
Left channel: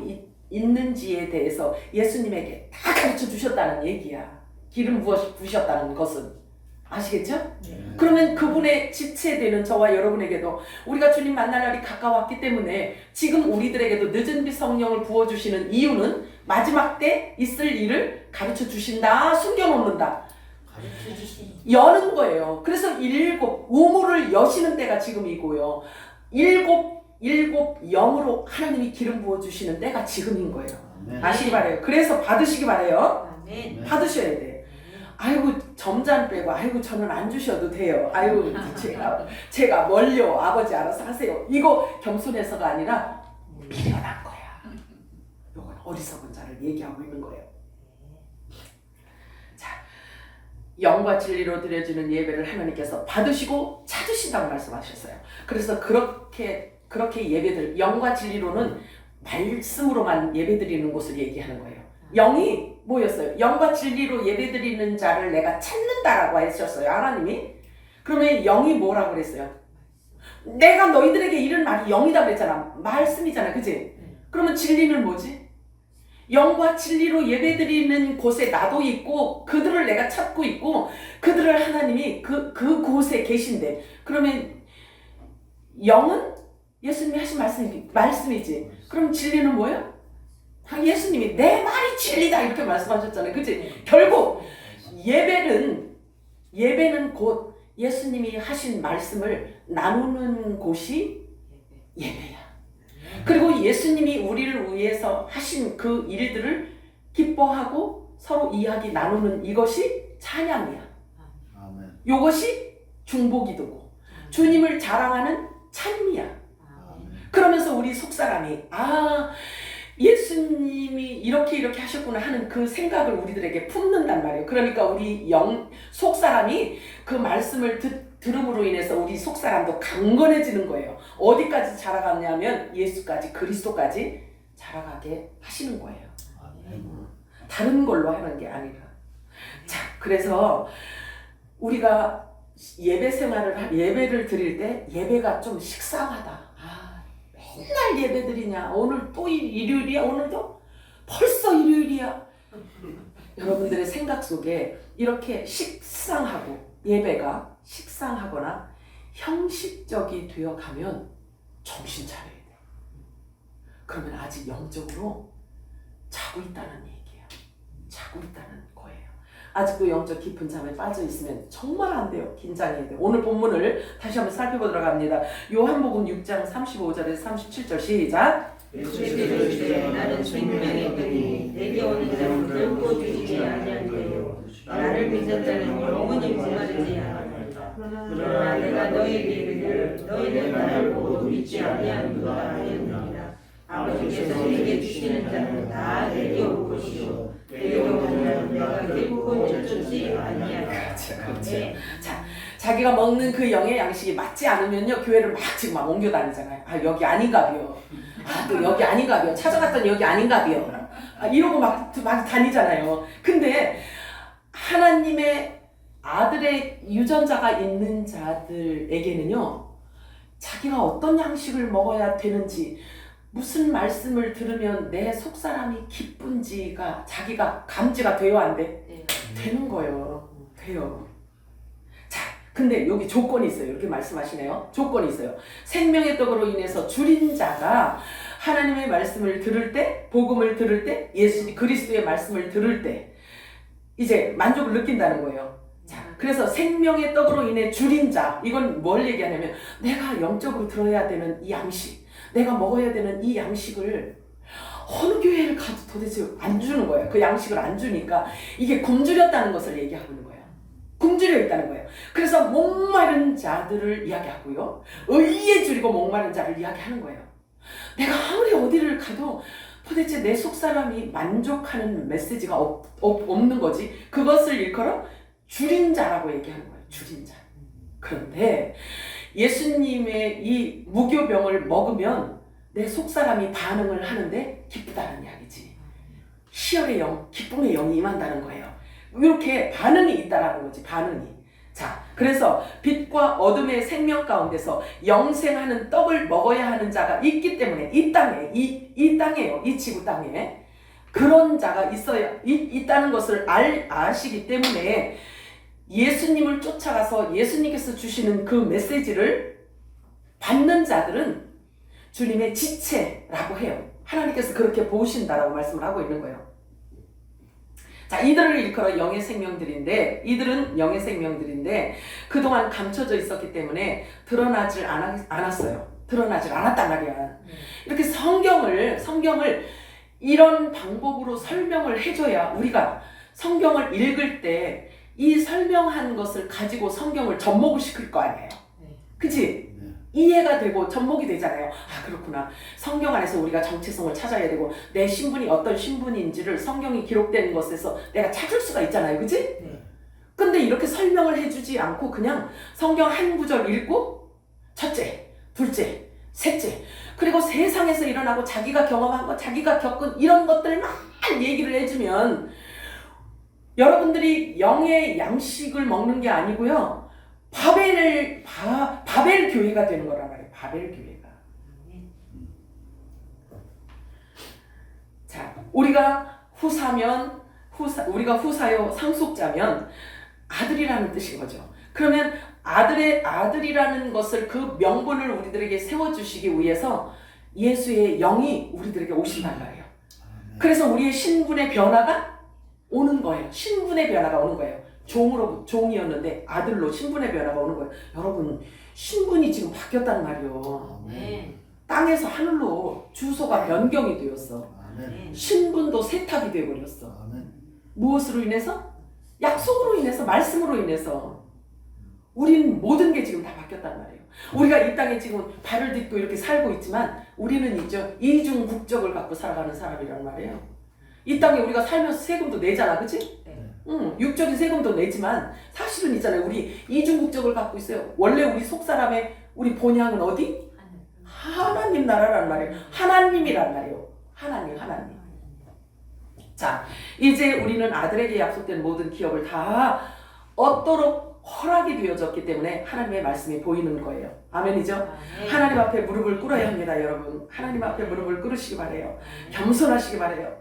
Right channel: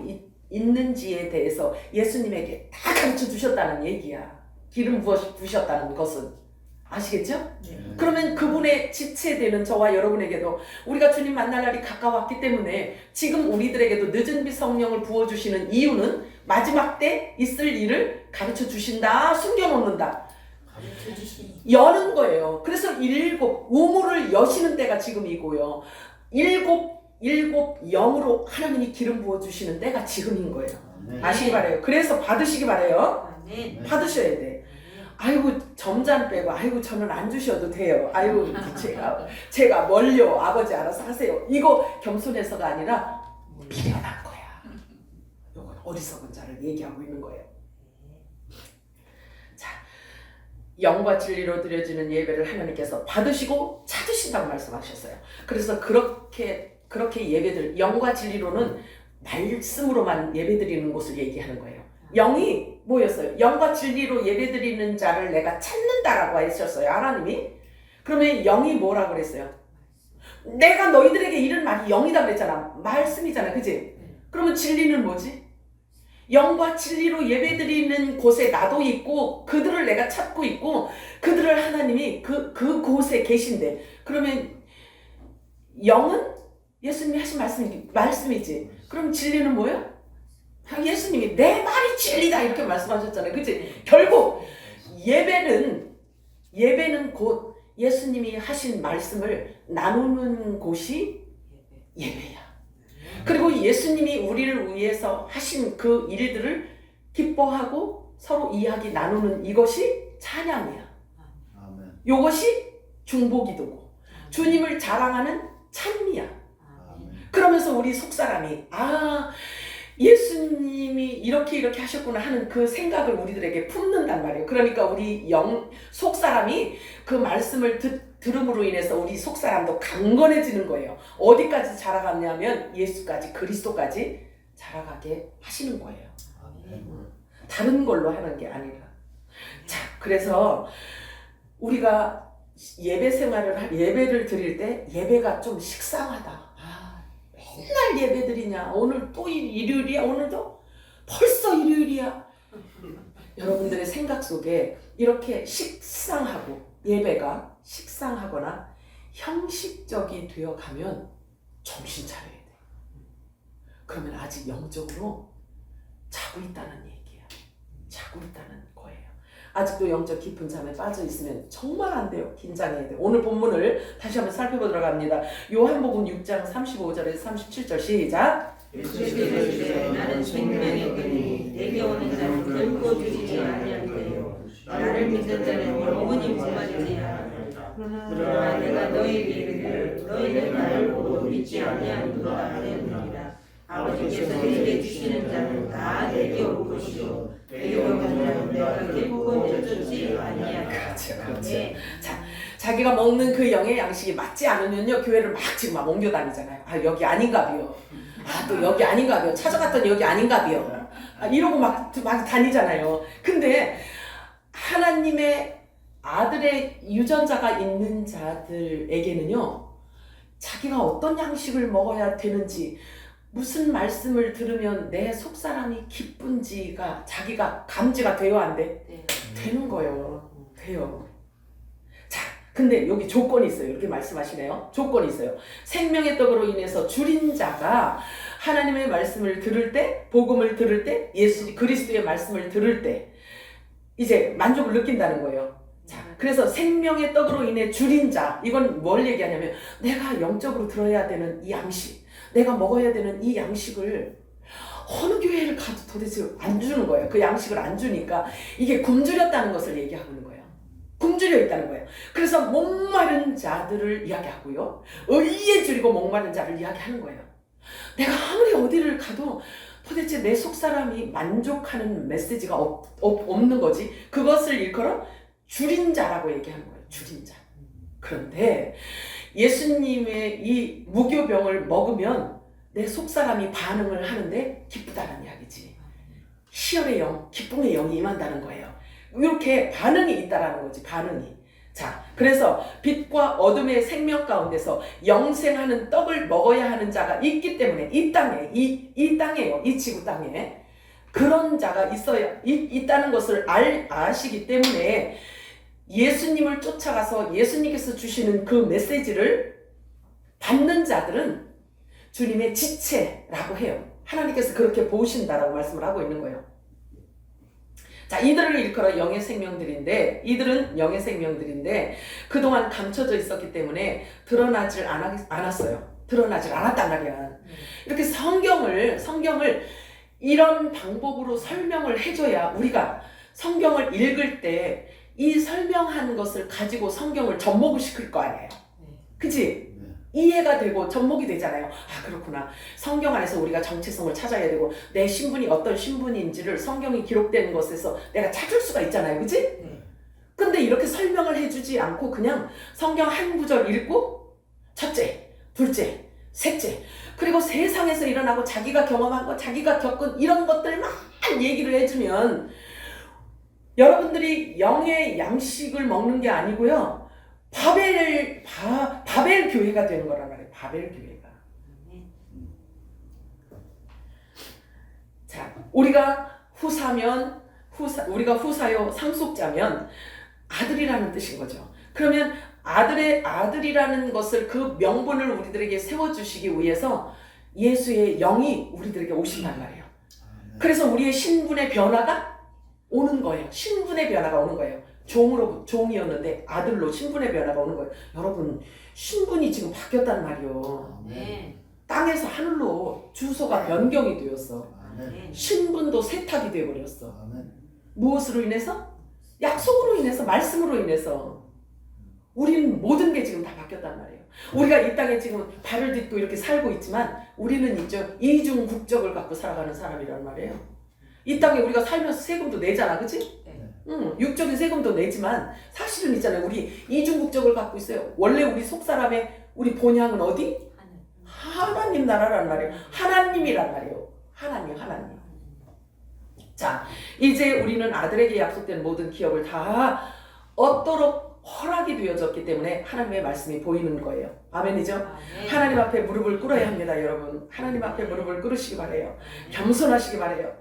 있는지에 대해서 예수님에게 다 가르쳐 주셨다는 얘기야. 기름 부으셨다는 것은. 아시겠죠? 네. 그러면 그분의 지체되는 저와 여러분에게도 우리가 주님 만날 날이 가까웠기 때문에 지금 우리들에게도 늦은 비 성령을 부어주시는 이유는 마지막 때 있을 일을 가르쳐 주신다, 숨겨놓는다, 여는 거예요. 그래서 우물을 여시는 때가 지금이고요. 일곱 영으로 하나님이 기름 부어주시는 때가 지금인 거예요. 아멘. 아시기 바라요. 그래서 받으시기 바라요. 아멘. 받으셔야 돼. 아이고 점잔 빼고 아이고 저는 안 주셔도 돼요. 아이고 제가 멀려 아버지 알아서 하세요. 이거 겸손해서가 아니라 미련한 거야. 이건 어리석은 자를 얘기하고 있는 거예요. 자, 영과 진리로 드려지는 예배를 하나님께서 받으시고 찾으신다고 말씀하셨어요. 그래서 그렇게 예배들, 영과 진리로는 말씀으로만 예배드리는 곳을 얘기하는 거예요. 영이 뭐였어요? 영과 진리로 예배드리는 자를 내가 찾는다라고 하셨어요, 하나님이. 그러면 영이 뭐라고 그랬어요? 내가 너희들에게 이런 말이 영이다 그랬잖아. 말씀이잖아, 그치? 그러면 진리는 뭐지? 영과 진리로 예배드리는 곳에 나도 있고 그들을 내가 찾고 있고 그들을 하나님이 그 곳에 계신데, 그러면 영은 예수님이 하신 말씀이지. 그럼 진리는 뭐예요? 예수님이 내 말이 진리다 이렇게 말씀하셨잖아요. 그치? 결국 예배는 곧 예수님이 하신 말씀을 나누는 곳이 예배야. 그리고 예수님이 우리를 위해서 하신 그 일들을 기뻐하고 서로 이야기 나누는 이것이 찬양이야. 아멘. 이것이 중보기도고 주님을 자랑하는 찬미야. 아멘. 그러면서 우리 속사람이 예수님이 이렇게 하셨구나 하는 그 생각을 우리들에게 품는단 말이에요. 그러니까 우리 속사람이 그 말씀을 들음으로 인해서 우리 속사람도 강건해지는 거예요. 어디까지 자라갔냐면 예수까지, 그리스도까지 자라가게 하시는 거예요. 아멘. 다른 걸로 하는 게 아니라. 자, 그래서 우리가 예배를 드릴 때 예배가 좀 식상하다. 맨날 예배 드리냐? 오늘 또 일요일이야? 오늘도? 벌써 일요일이야? 여러분들의 생각 속에 이렇게 예배가 식상하거나 형식적이 되어가면 정신 차려야 돼. 그러면 아직 영적으로 자고 있다는 얘기야. 자고 있다는 거예요. 아직도 영적 깊은 잠에 빠져 있으면 정말 안 돼요. 긴장해야 돼요. 오늘 본문을 다시 한번 살펴보도록 합니다. 요한복음 6장 35절에서 37절 시작. 예수께서 이르시되 나는 생명의 떡이니 내게 오는 자는 결코 죽지 아니하리요 나를 믿는 자는 영원히 목마르지 아니하리라. 그러나 내가 너희에게 이르기를 너희는 나를 보고 믿지 아니하는도다 하였느니라. 아버지께서 내게 주시는 자는 다 내게 올 것이요 내게 오는 자는 내가 결코 쫓지 아니하리라. 그렇죠. 자, 자기가 먹는 그 영의 양식이 맞지 않으면요 교회를 막 지금 막 옮겨 다니잖아요. 아 여기 아닌가비요. 아 또 여기 아닌가비요. 찾아갔더니 여기 아닌가비요. 아, 이러고 막 다니잖아요. 근데 하나님의 아들의 유전자가 있는 자들에게는요 자기가 어떤 양식을 먹어야 되는지, 무슨 말씀을 들으면 내 속사람이 기쁜지가 자기가 감지가 돼요, 안 돼? 네. 되는 거예요. 돼요. 자, 근데 여기 조건이 있어요. 이렇게 말씀하시네요. 조건이 있어요. 생명의 떡으로 인해서 줄인 자가 하나님의 말씀을 들을 때, 복음을 들을 때, 예수 그리스도의 말씀을 들을 때 이제 만족을 느낀다는 거예요. 자, 그래서 생명의 떡으로 인해 줄인 자, 이건 뭘 얘기하냐면 내가 영적으로 들어야 되는 이 양식, 내가 먹어야 되는 이 양식을 어느 교회를 가도 도대체 안 주는 거예요. 그 양식을 안 주니까 이게 굶주렸다는 것을 얘기하고 있는 거예요. 굶주려 있다는 거예요. 그래서 목마른 자들을 이야기하고요. 의에 줄이고 목마른 자를 이야기하는 거예요. 내가 아무리 어디를 가도 도대체 내 속사람이 만족하는 메시지가 없는 거지. 그것을 일컬어 줄인 자라고 얘기하는 거예요. 줄인 자. 그런데 예수님의 이 무교병을 먹으면 내 속사람이 반응을 하는데 기쁘다는 이야기지. 희열의 영, 기쁨의 영이 임한다는 거예요. 이렇게 반응이 있다라는 거지. 반응이. 자, 그래서 빛과 어둠의 생명 가운데서 영생하는 떡을 먹어야 하는 자가 있기 때문에 이 땅에, 이 땅에요. 이 지구 땅에 그런 자가 있다는 것을 아시기 때문에 예수님을 쫓아가서 예수님께서 주시는 그 메시지를 받는 자들은 주님의 지체라고 해요. 하나님께서 그렇게 보신다라고 말씀을 하고 있는 거예요. 자, 이들을 일컬어 영의 생명들인데, 이들은 영의 생명들인데 그동안 감춰져 있었기 때문에 드러나질 않았어요. 드러나질 않았단 말이야. 이렇게 성경을 이런 방법으로 설명을 해줘야 우리가 성경을 읽을 때 이 설명한 것을 가지고 성경을 접목을 시킬 거 아니에요. 그치? 이해가 되고 접목이 되잖아요. 아, 그렇구나. 성경 안에서 우리가 정체성을 찾아야 되고 내 신분이 어떤 신분인지를 성경이 기록된 것에서 내가 찾을 수가 있잖아요. 그치? 근데 이렇게 설명을 해주지 않고 그냥 성경 한 구절 읽고 첫째, 둘째, 셋째, 그리고 세상에서 일어나고 자기가 경험한 것, 자기가 겪은 이런 것들만 얘기를 해주면 여러분들이 영의 양식을 먹는 게 아니고요. 바벨 교회가 되는 거란 말이에요. 바벨 교회가. 자, 우리가 후사요 상속자면 아들이라는 뜻인 거죠. 그러면 아들이라는 것을 그 명분을 우리들에게 세워주시기 위해서 예수의 영이 우리들에게 오신단 말이에요. 그래서 우리의 신분의 변화가 오는 거예요. 신분의 변화가 오는 거예요. 종이었는데 아들로 신분의 변화가 오는 거예요. 여러분, 신분이 지금 바뀌었단 말이에요. 땅에서 하늘로 주소가 변경이 되었어. 신분도 세탁이 되어버렸어. 무엇으로 인해서? 약속으로 인해서, 말씀으로 인해서. 우리는 모든 게 지금 다 바뀌었단 말이에요. 우리가 이 땅에 지금 발을 딛고 이렇게 살고 있지만 우리는 있죠. 이중 국적을 갖고 살아가는 사람이란 말이에요. 이 땅에 우리가 살면서 세금도 내잖아, 그치? 육적인 세금도 내지만 사실은 있잖아요. 우리 이중국적을 갖고 있어요. 원래 우리 속사람의 우리 본향은 어디? 하나님 나라란 말이에요. 하나님이란 말이에요. 하나님. 자, 이제 우리는 아들에게 약속된 모든 기업을 다 얻도록 허락이 되어졌기 때문에 하나님의 말씀이 보이는 거예요. 아멘이죠? 하나님 앞에 무릎을 꿇어야 합니다, 여러분. 하나님 앞에 무릎을 꿇으시기 바래요. 겸손하시기 바래요.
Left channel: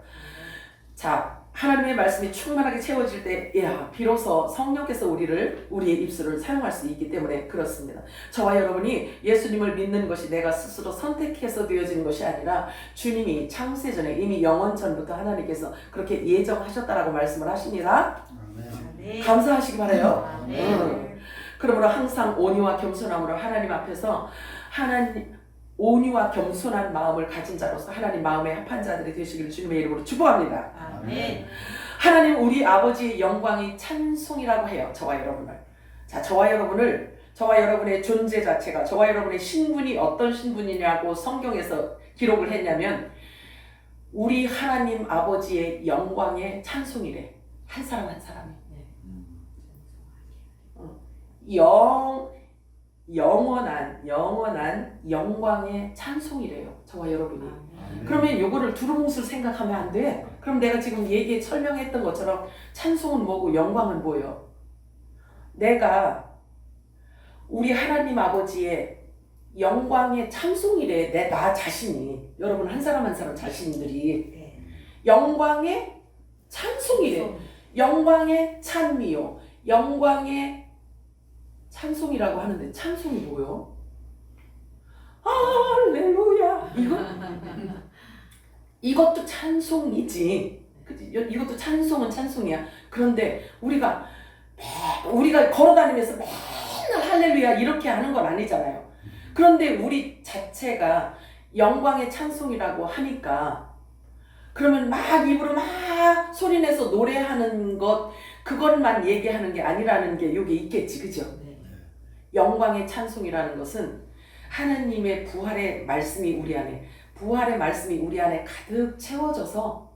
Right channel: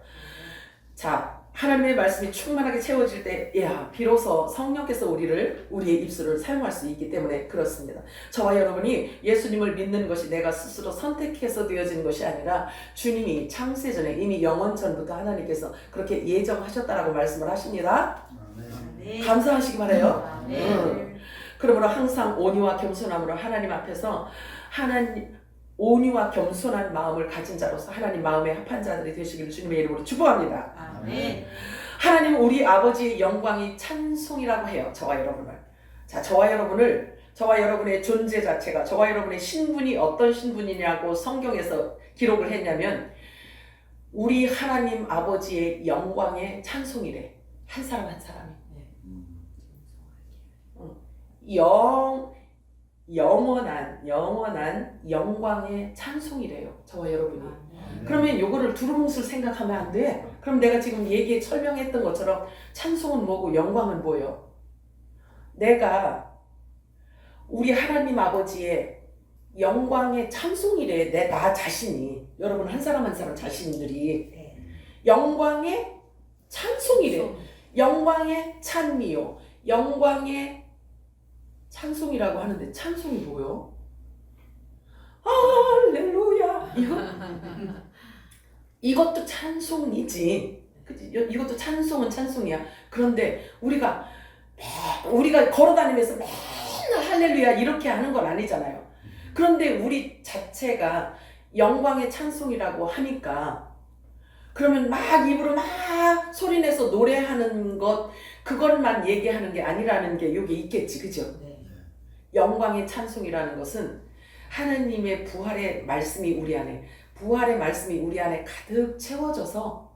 자, 하나님의 말씀이 충만하게 채워질 때, 비로소 성령께서 우리의 입술을 사용할 수 있기 때문에 그렇습니다. 저와 여러분이 예수님을 믿는 것이 내가 스스로 선택해서 되어진 것이 아니라 주님이 창세전에 이미 영원전부터 하나님께서 그렇게 예정하셨다라고 말씀을 하십니다. 감사하시기 바라요. 그러므로 항상 온유와 겸손함으로 하나님 앞에서 온유와 겸손한 마음을 가진 자로서 하나님 마음에 합한 자들이 되시기를 주님의 이름으로 축복합니다. 아멘. 하나님 우리 아버지의 영광이 찬송이라고 해요. 저와 여러분을. 자, 저와 여러분의 존재 자체가, 저와 여러분의 신분이 어떤 신분이냐고 성경에서 기록을 했냐면 우리 하나님 아버지의 영광의 찬송이래. 한 사람 한 사람이. 영원한 영광의 찬송이래요. 저와 여러분이. 아멘. 그러면 요거를 두루뭉술 생각하면 안 돼. 그럼 내가 지금 설명했던 것처럼 찬송은 뭐고 영광은 뭐예요? 내가 우리 하나님 아버지의 영광의 찬송이래. 나 자신이, 여러분 한 사람 한 사람 자신들이 영광의 찬송이래. 영광의 찬미요, 영광의 찬송이라고 하는데 찬송이 뭐요? 할렐루야. 이것도 찬송이지. 그치? 이것도 찬송은 찬송이야. 그런데 우리가 걸어다니면서 맨날 할렐루야 이렇게 하는 건 아니잖아요. 그런데 우리 자체가 영광의 찬송이라고 하니까, 그러면 막 입으로 막 소리내서 노래하는 것, 그것만 얘기하는 게 아니라는 게 여기 있겠지, 그죠? 영광의 찬송이라는 것은 하나님의 부활의 말씀이 우리 안에 가득 채워져서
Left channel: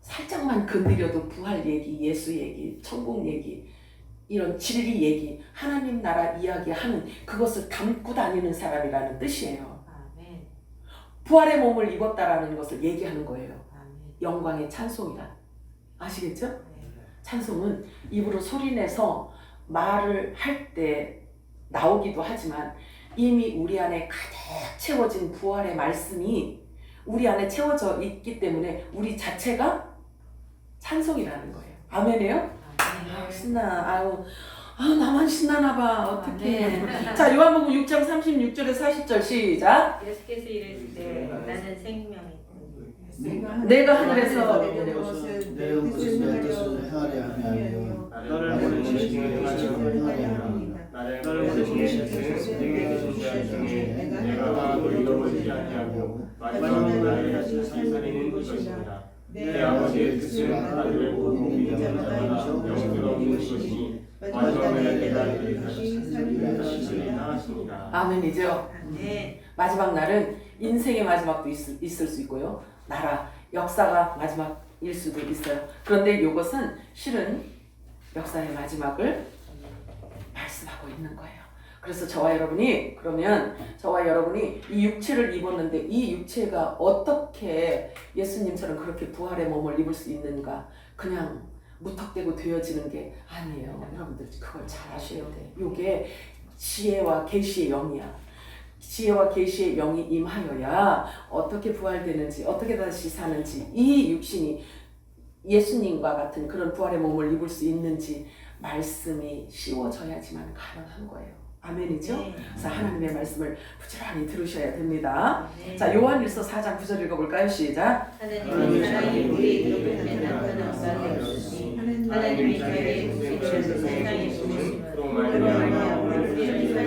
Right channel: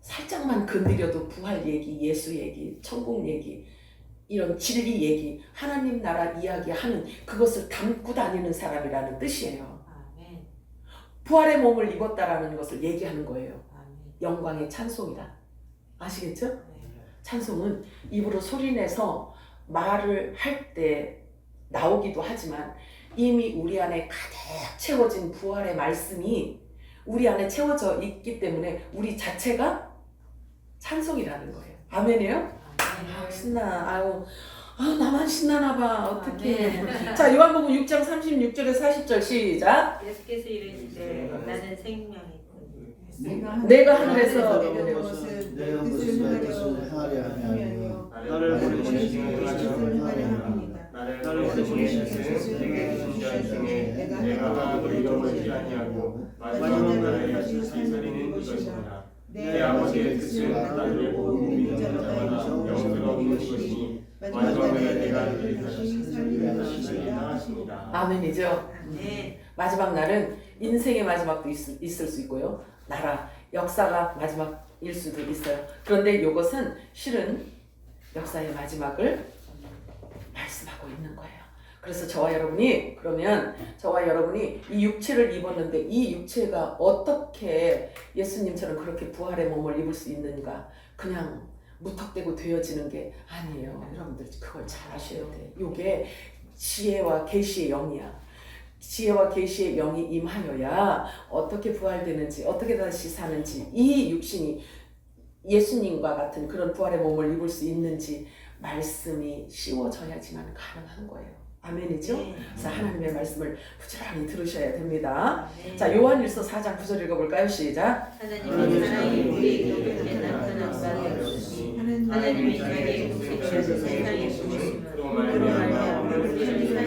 살짝만 건드려도 부활 얘기, 예수 얘기, 천국 얘기, 이런 진리 얘기, 하나님 나라 이야기하는 그것을 담고 다니는 사람이라는 뜻이에요. 부활의 몸을 입었다라는 것을 얘기하는 거예요. 영광의 찬송이라. 아시겠죠? 찬송은 입으로 소리내서 말을 할 때 나오기도 하지만 이미 우리 안에 가득 채워진 부활의 말씀이 우리 안에 채워져 있기 때문에 우리 자체가 찬송이라는 거예요. 아멘이에요? 신나. 나만 신나나 봐. 어떡해. 자, 요한복음 6장 36절에서 40절 시작. 예수께서 이르시되 나는 생명이 내가 하늘에서 내려온 것은 내 뜻을 행하려 하며 나를 보내신 이의 뜻을 행하려 함이라. 나를 보내신 이의 뜻은 내게 계신 중에 내가 하나도 잃어버리지 아니하고 마지막 날에 다시 살살이는 이것이니라. 내 아버지의 뜻은 나를 보고 믿는 자마다 영생을 얻는 것이니 마지막 날에 내가 너희를 다시 살리리라 하시니라. 아멘이죠. 마지막 날은 인생의 마지막도 있을 수 있고요. 나라, 역사가 마지막일 수도 있어요. 그런데 이것은 실은 역사의 마지막을 말씀하고 있는 거예요. 그래서 저와 여러분이 이 육체를 입었는데 이 육체가 어떻게 예수님처럼 그렇게 부활의 몸을 입을 수 있는가? 그냥 무턱대고 되어지는 게 아니에요. 여러분들 그걸 잘 아셔야 돼. 이게 지혜와 계시의 영이야. 지혜와 계시의 영이 임하여야 어떻게 부활되는지, 어떻게 다시 사는지, 이 육신이 예수님과 같은 그런 부활의 몸을 입을 수 있는지 말씀이 씌워져야지만 가능한 거예요. 아멘이죠? 그래서 하나님의 말씀을 부지런히 들으셔야 됩니다. 자, 요한일서 4장 9절 읽어볼까요? 시작. 하나님의 사랑이 우리에게 나타난 바가 없으니 하나님이 자기의 육체를 세상에 보내심으로 말미암아 우리를 살리려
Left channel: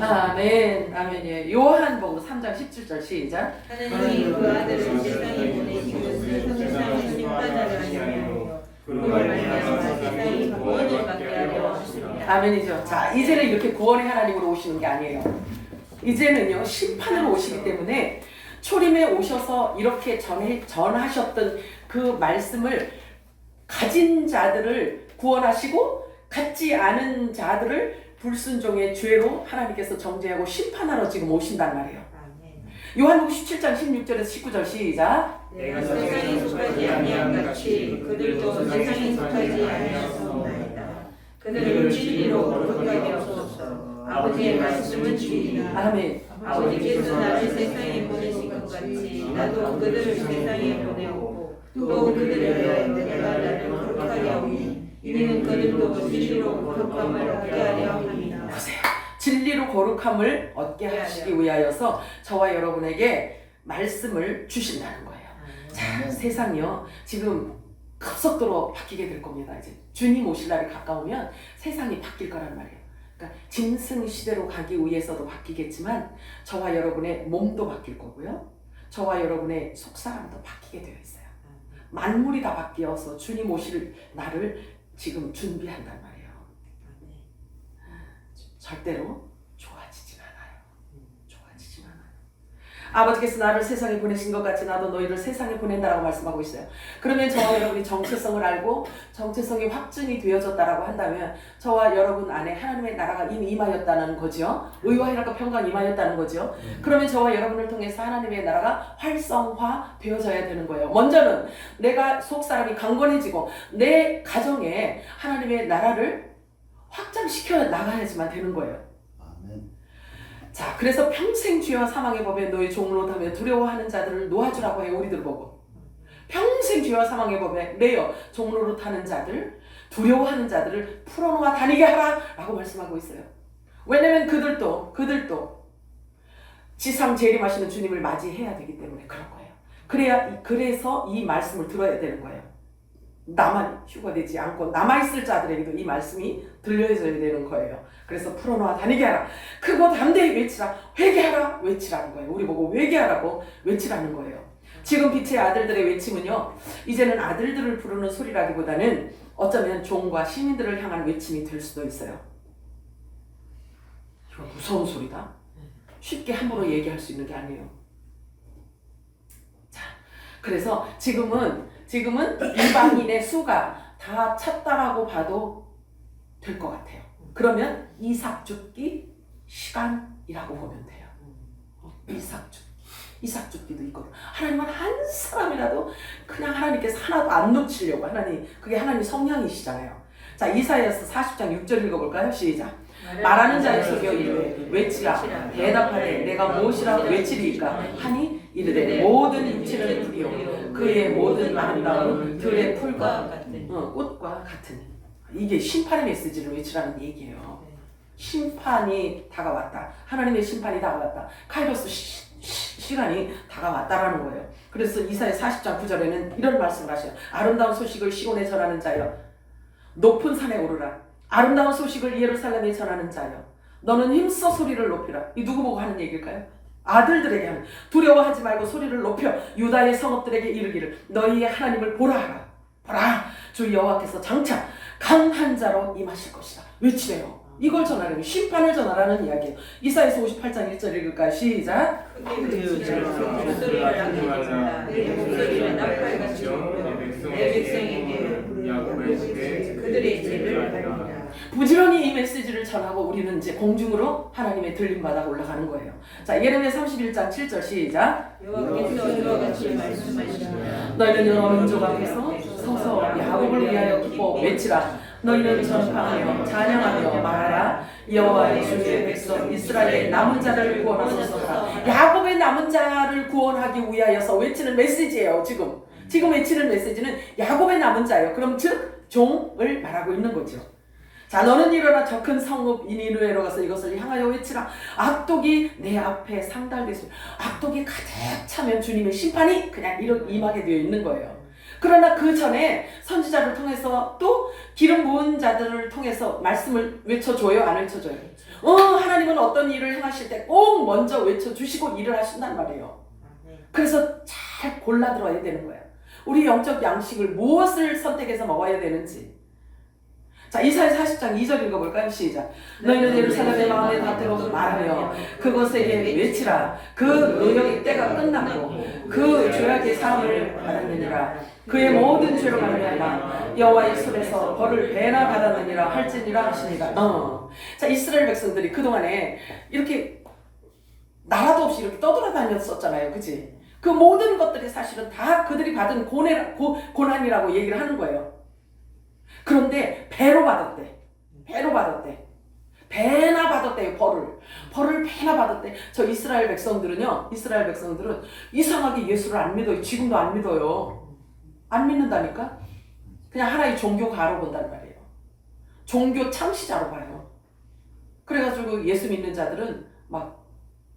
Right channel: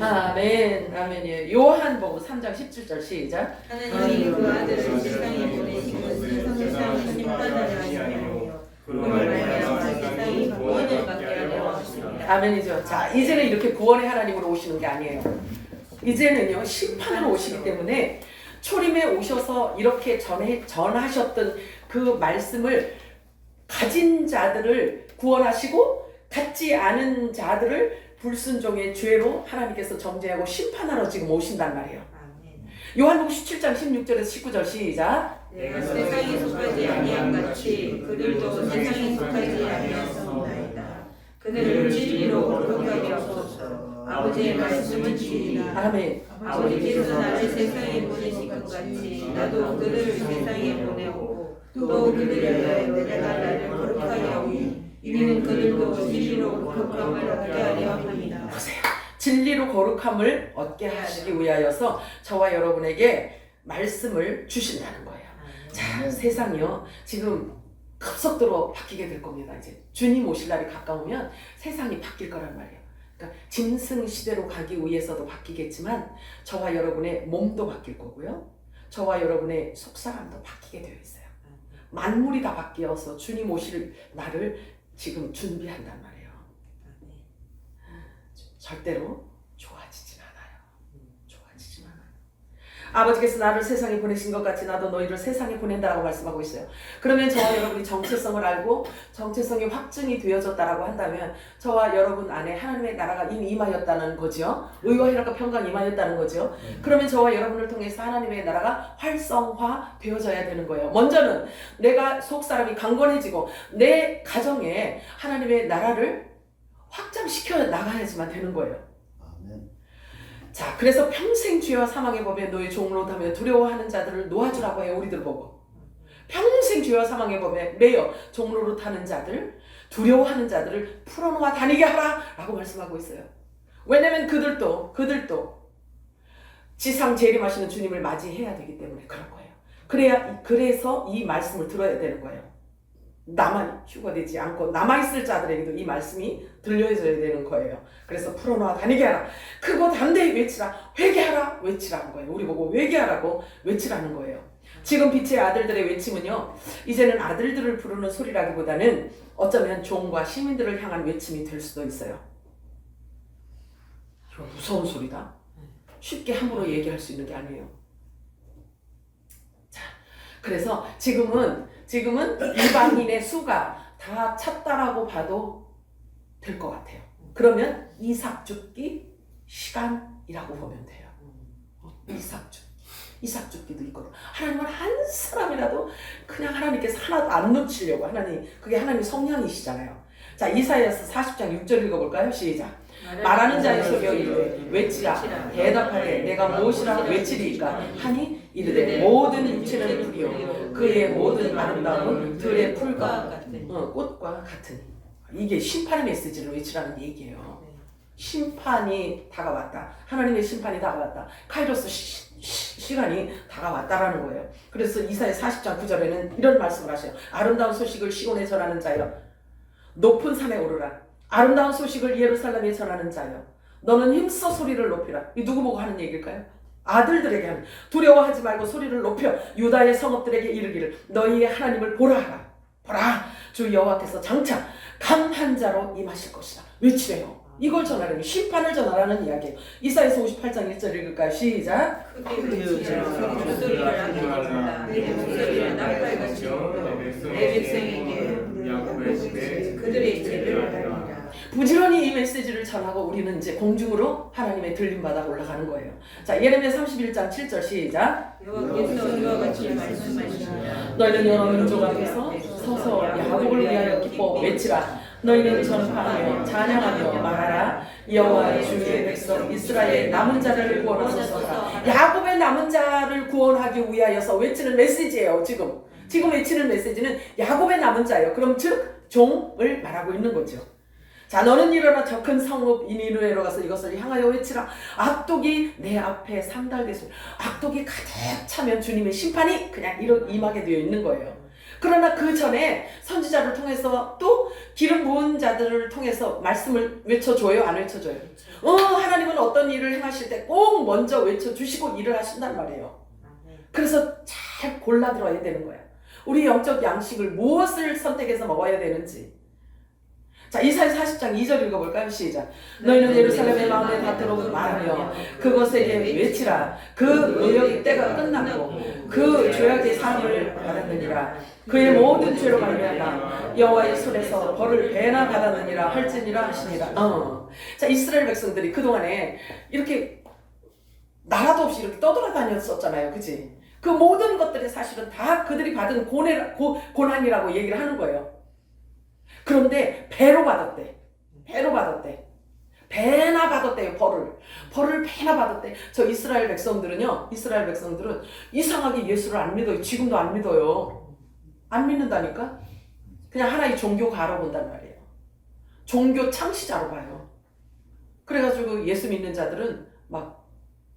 아멘. 아멘이에요. 요한복음 3장 17절 시작. 하나님이 그 아들을 세상에 보내신 것은 세상을 심판하려 하시며 그로 말미암아 세상이 구원을 받게 하려 하십니다. 아멘이죠. 자, 이제는 이렇게 구원의 하나님으로 오시는 게 아니에요. 이제는요, 심판으로 오시기 때문에 초림에 오셔서 이렇게 전하셨던 그 말씀을 가진 자들을 구원하시고 갖지 않은 자들을 불순종의 죄로 하나님께서 정죄하고 심판하러 지금 오신단 말이에요. 요한복음 17장 16절에서 19절 시작. 내가 세상에 속하지 아니함 같이 그들도 세상에 속하지 아니하였나이다. 그들을 진리로 거룩하게 하소서. 아버지의 말씀을 지키리라. 아멘. 아버지께서 나를 세상에 보내신 것 같이 나도 그들을 세상에 보내고 또 그들을 위하여 내가 나를 거룩하게 하오니 이는 그들도 진리로 거룩함을 얻게 하려 함이라. 보세요. 진리로 거룩함을 얻게 하시기 위하여서 저와 여러분에게 말씀을 주신다는 거예요. 자, 세상이요, 지금 급속도로 바뀌게 될 겁니다. 이제 주님 오실 날이 가까우면 세상이 바뀔 거란 말이에요. 그러니까 짐승 시대로 가기 위해서도 바뀌겠지만 저와 여러분의 몸도 바뀔 거고요. 저와 여러분의 속사람도 바뀌게 되어 있어요. 만물이 다 바뀌어서 주님 오실 날을 지금 준비한단 말이에요. 절대로 좋아지진 않아요. 좋아지진 않아요. 아버지께서 나를 세상에 보내신 것 같이 나도 너희를 세상에 보낸다라고 말씀하고 있어요. 그러면 저와 여러분이 정체성을 알고 정체성이 확증이 되어졌다라고 한다면 저와 여러분 안에 하나님의 나라가 이미 임하였다는 거죠. 의와 희락과 평강 임하였다는 거죠. 그러면 저와 여러분을 통해서 하나님의 나라가 활성화 되어져야 되는 거예요. 먼저는 내가 속사람이 강건해지고 내 가정에 하나님의 나라를 확장시켜 나가야지만 되는 거예요. 아멘. 자, 그래서 평생 죄와 사망의 법에 너희 종로 하며 두려워하는 자들을 놓아주라고 해요. 우리들 보고 평생 죄와 사망의 법에 매여 종로로 타는 자들, 두려워하는 자들을 풀어놓아 다니게 하라 라고 말씀하고 있어요. 왜냐면 그들도 지상 재림하시는 주님을 맞이해야 되기 때문에 그런 거예요. 그래서 이 말씀을 들어야 되는 거예요. 나만 휴가되지 않고 남아있을 자들에게도 이 말씀이 들려줘야 되는 거예요. 그래서 풀어놓아 다니게 하라. 크고 담대히 외치라. 회개하라. 외치라는 거예요. 우리 보고 회개하라고 외치라는 거예요. 지금 빛의 아들들의 외침은요, 이제는 아들들을 부르는 소리라기보다는 어쩌면 종과 시민들을 향한 외침이 될 수도 있어요. 이거 무서운 소리다. 쉽게 함부로 얘기할 수 있는 게 아니에요. 자, 그래서 지금은 이방인의 수가 다 찼다라고 봐도 될 것 같아요. 그러면 이삭 죽기 시간이라고 보면 돼요. 이삭 죽기도 있거든. 하나님은 한 사람이라도 그냥 하나님께서 하나도 안 놓치려고 그게 하나님 성향이시잖아요. 자, 이사야서 40장 6절 읽어볼까요? 시작. 말하는 자의 소리여 이르되 외치라. 대답하되 내가 무엇이라 외치리이까 하니 이르되 모든 육체는 풀이요 그의 모든 아름다움은 들의 풀과 꽃과 같으니. 이게 심판의 메시지를 외치라는 얘기예요. 심판이 다가왔다. 하나님의 심판이 다가왔다. 카이로스 시간이 다가왔다라는 거예요. 그래서 이사야 40장 9절에는 이런 말씀을 하셔요. 아름다운 소식을 시온에 전하는 자여, 높은 산에 오르라. 아름다운 소식을 예루살렘에 전하는 자여, 너는 힘써 소리를 높이라. 이 누구 보고 하는 얘기일까요? 아들들에게 하는. 두려워하지 말고 소리를 높여 유다의 성읍들에게 이르기를 너희의 하나님을 보라 하라. 보라, 주 여호와께서 장차 강한 자로 임하실 것이다. 외치래요. 이걸 전하라는, 심판을 전하라는 이야기예요. 이사야서 58장 1절 읽을까요? 시작. 그들의 죄를 받으리라. 부지런히 이 메시지를 전하고 우리는 이제 공중으로 하나님의 들림받아 올라가는 거예요. 자, 예레미야 31장 7절 시작. 여호와께서 이와 같이 말씀하시니라. 너희는 여러 민족 앞에서 서서 야곱을 위하여 기뻐 외치라. 너희는 전파하며 찬양하며 말하라. 여호와의 주의 백성 이스라엘의 남은 자를 구원하소서. 야곱의 남은 자를 구원하기 위하여서 외치는 메시지예요. 지금 외치는 메시지는 야곱의 남은 자예요. 그럼 즉 종을 말하고 있는 거죠. 자, 너는 일어나 저 큰 성읍 니느웨로 가서 이것을 향하여 외치라. 악독이 내 앞에 상달되소. 악독이 가득 차면 주님의 심판이 그냥 임하게 되어 있는 거예요. 그러나 그 전에 선지자를 통해서 또 기름 부은 자들을 통해서 말씀을 외쳐줘요? 안 외쳐줘요? 하나님은 어떤 일을 행하실 때 꼭 먼저 외쳐주시고 일을 하신단 말이에요. 그래서 잘 골라 들어야 되는 거예요. 우리 영적 양식을 무엇을 선택해서 먹어야 되는지. 자, 이사야 40장 2절 읽어볼까요? 시작. 너희는 예루살렘의 마음에 닿도록 말하며 그것에게 외치라. 그 노역의 때가 끝났고 그 죄악의 사함을 받았느니라. 그의 모든 죄로 말미암아 여호와의 손에서 벌을 배나 받았느니라 할지니라 하시니라. 자, 이스라엘 백성들이 그동안에 이렇게 나라도 없이 이렇게 떠돌아다녔었잖아요. 그치? 그 모든 것들이 사실은 다 그들이 받은 고난이라고 얘기를 하는 거예요. 그런데 배로 받았대. 배나 받았대요. 벌을 배나 받았대. 저 이스라엘 백성들은 이상하게 예수를 안 믿어요. 지금도 안 믿어요. 안 믿는다니까? 그냥 하나의 종교가로 본단 말이에요. 종교 창시자로 봐요. 그래가지고 예수 믿는 자들은 막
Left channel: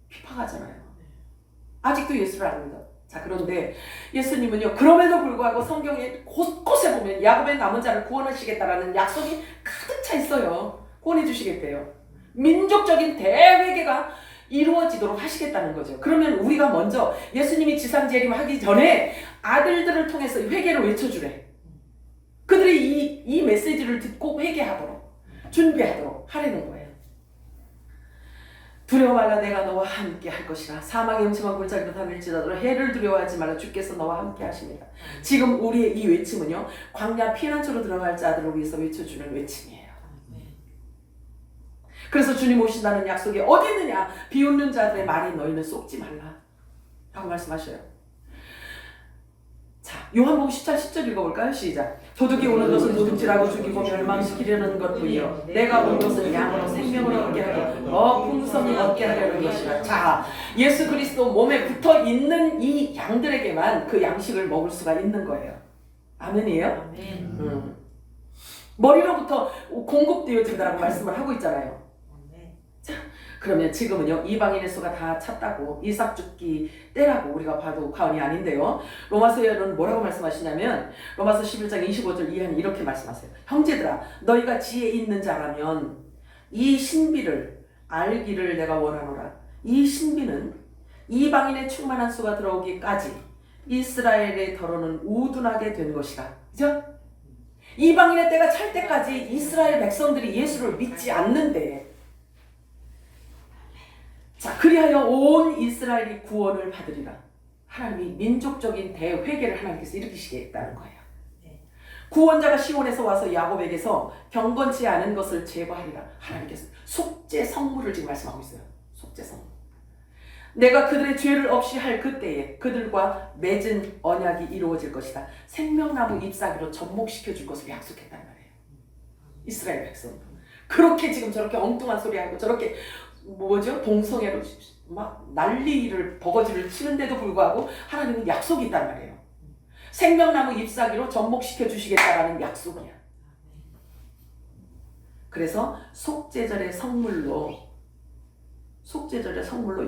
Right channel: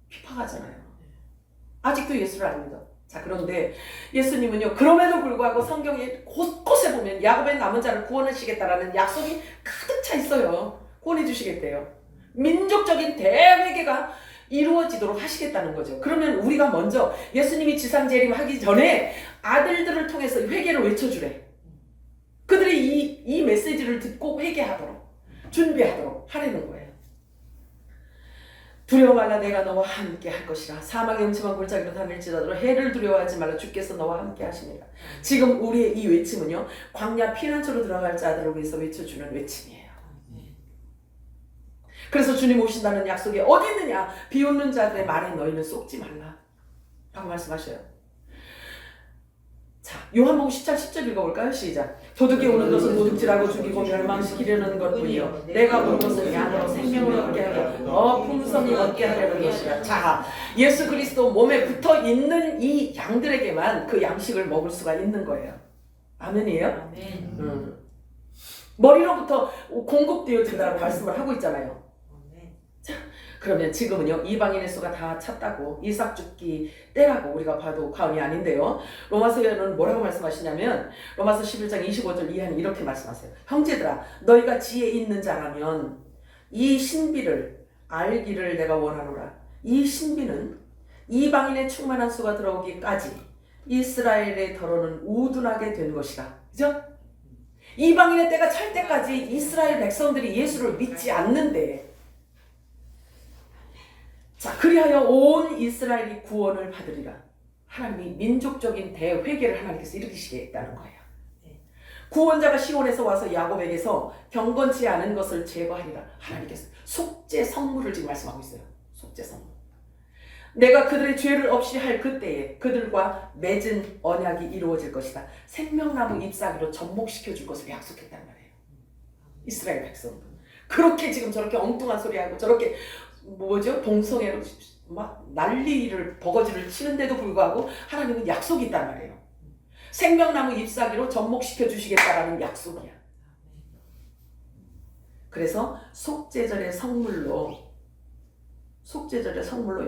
핍박하잖아요. 아직도 예수를 안 믿어. 자, 그런데 예수님은요, 그럼에도 불구하고 성경에 곳곳에 보면 야곱의 남은 자를 구원하시겠다라는 약속이 가득 차 있어요. 구원해 주시겠대요. 민족적인 대회개가 이루어지도록 하시겠다는 거죠. 그러면 우리가 먼저 예수님이 지상재림하기 전에 아들들을 통해서 회개를 외쳐주래. 그들이 이 메시지를 듣고 회개하도록 준비하도록 하려는 거예요. 두려워 말라 내가 너와 함께 할 것이라. 사망의 음침한 골짜기로 다닐지라도 해를 두려워하지 말라. 주께서 너와 함께 하십니다. 지금 우리의 이 외침은요, 광야 피난처로 들어갈 자들을 위해서 외쳐주는 외침이에요. 그래서 주님 오신다는 약속이 어디 있느냐? 비웃는 자들의 말에 너희는 속지 말라 라고 말씀하셔요. 자, 요한복음 10장 10절 읽어볼까요? 시작. 도둑이 오는 것은 도둑질하고 죽이고 멸망시키려는 것뿐이요 내가 온 것은 양으로 생명을 얻게 하려 풍성히 얻게 하려는 것이라. 자, 예수 그리스도 몸에 붙어 있는 이 양들에게만 그 양식을 먹을 수가 있는 거예요. 아멘이에요? 머리로부터 공급되어 된다고 말씀을 하고 있잖아요. 그러면 지금은요, 이방인의 수가 다 찼다고, 이삭 죽기 때라고 우리가 봐도 과언이 아닌데요. 로마서에는 뭐라고 말씀하시냐면 로마서 11장 25절 이하는 이렇게 말씀하세요. 형제들아, 너희가 지혜 있는 자라면 이 신비를 알기를 내가 원하노라. 이 신비는 이방인의 충만한 수가 들어오기까지 이스라엘의 더러는 우둔하게 된 것이다. 그죠? 이방인의 때가 찰 때까지 이스라엘 백성들이 예수를 믿지 않는데, 자, 그리하여 온 이스라엘이 구원을 받으리라. 하나님이 민족적인 대회개를 하나님께서 일으키시겠다는 거예요. 구원자가 시온에서 와서 야곱에게서 경건치 않은 것을 제거하리라. 하나님께서 속죄 성물을 지금 말씀하고 있어요. 속죄 성물. 내가 그들의 죄를 없이 할 그때에 그들과 맺은 언약이 이루어질 것이다. 생명나무 잎사귀로 접목시켜 줄 것을 약속했단 말이에요. 이스라엘 백성. 그렇게 지금 저렇게 엉뚱한 소리 하고 저렇게 뭐죠? 동성애로 막 난리를 버거지를 치는데도 불구하고 하나님은 약속이 있단 말이에요. 생명나무 잎사귀로 접목시켜 주시겠다라는 약속이야. 그래서 속죄절의 성물로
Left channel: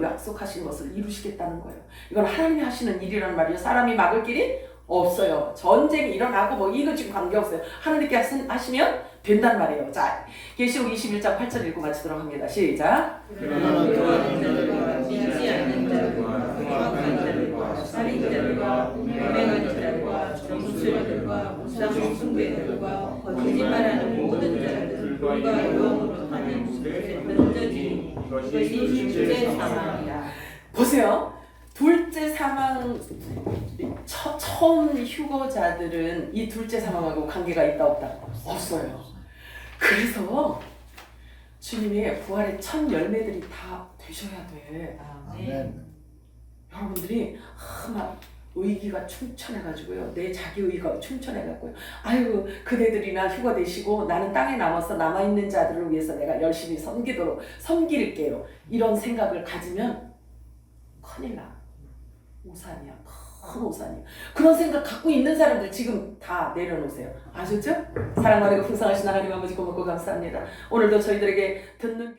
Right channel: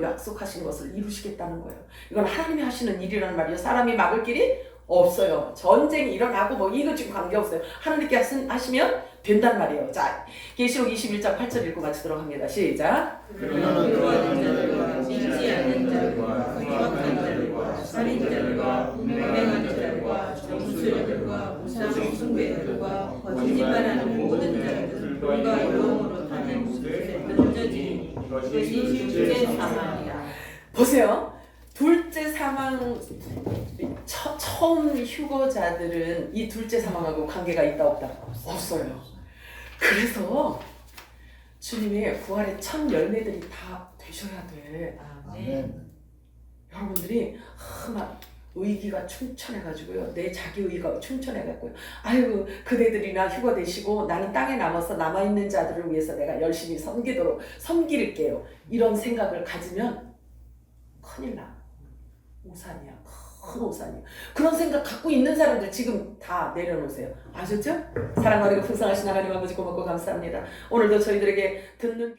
약속하신 것을 이루시겠다는 거예요. 이건 하나님이 하시는 일이라는 말이에요. 사람이 막을 길이 없어요. 전쟁이 일어나고 뭐 이거 지금 관계없어요. 하나님께 하시면 된단 말이에요. 자, 계시록 21장 8절 읽고 같이 들어갑니다. 시작. 그러나 그러한 자들과 믿지 않는 자들과 흉악한 자들과 살인자들과 음행한 자들과 정수자들과 우상 숭배자들과 거짓말하는 모든 자들 불과 영으로 하는 곳에 던져지니 이것이 둘째 사망이라. 보세요. 둘째 사망, 처음 휴거자들은 이 둘째 사망하고 관계가 있다 없다? 없어요. 그래서 주님의 부활의 첫 열매들이 다 되셔야 돼. 여러분들이 막 의기가 충천해가지고요, 내 자기 의가 충천해가지고요, 아유 그대들이나 휴가 되시고 나는 땅에 남아서 남아있는 자들을 위해서 내가 열심히 섬길게요, 이런 생각을 가지면 큰일 나. 오산이야. 큰 오산이야. 그런 생각 갖고 있는 사람들 지금 다 내려놓으세요. 아셨죠? 사랑하고 풍성하신 하나님 아버지 고맙고 감사합니다. 오늘도 저희들에게 듣는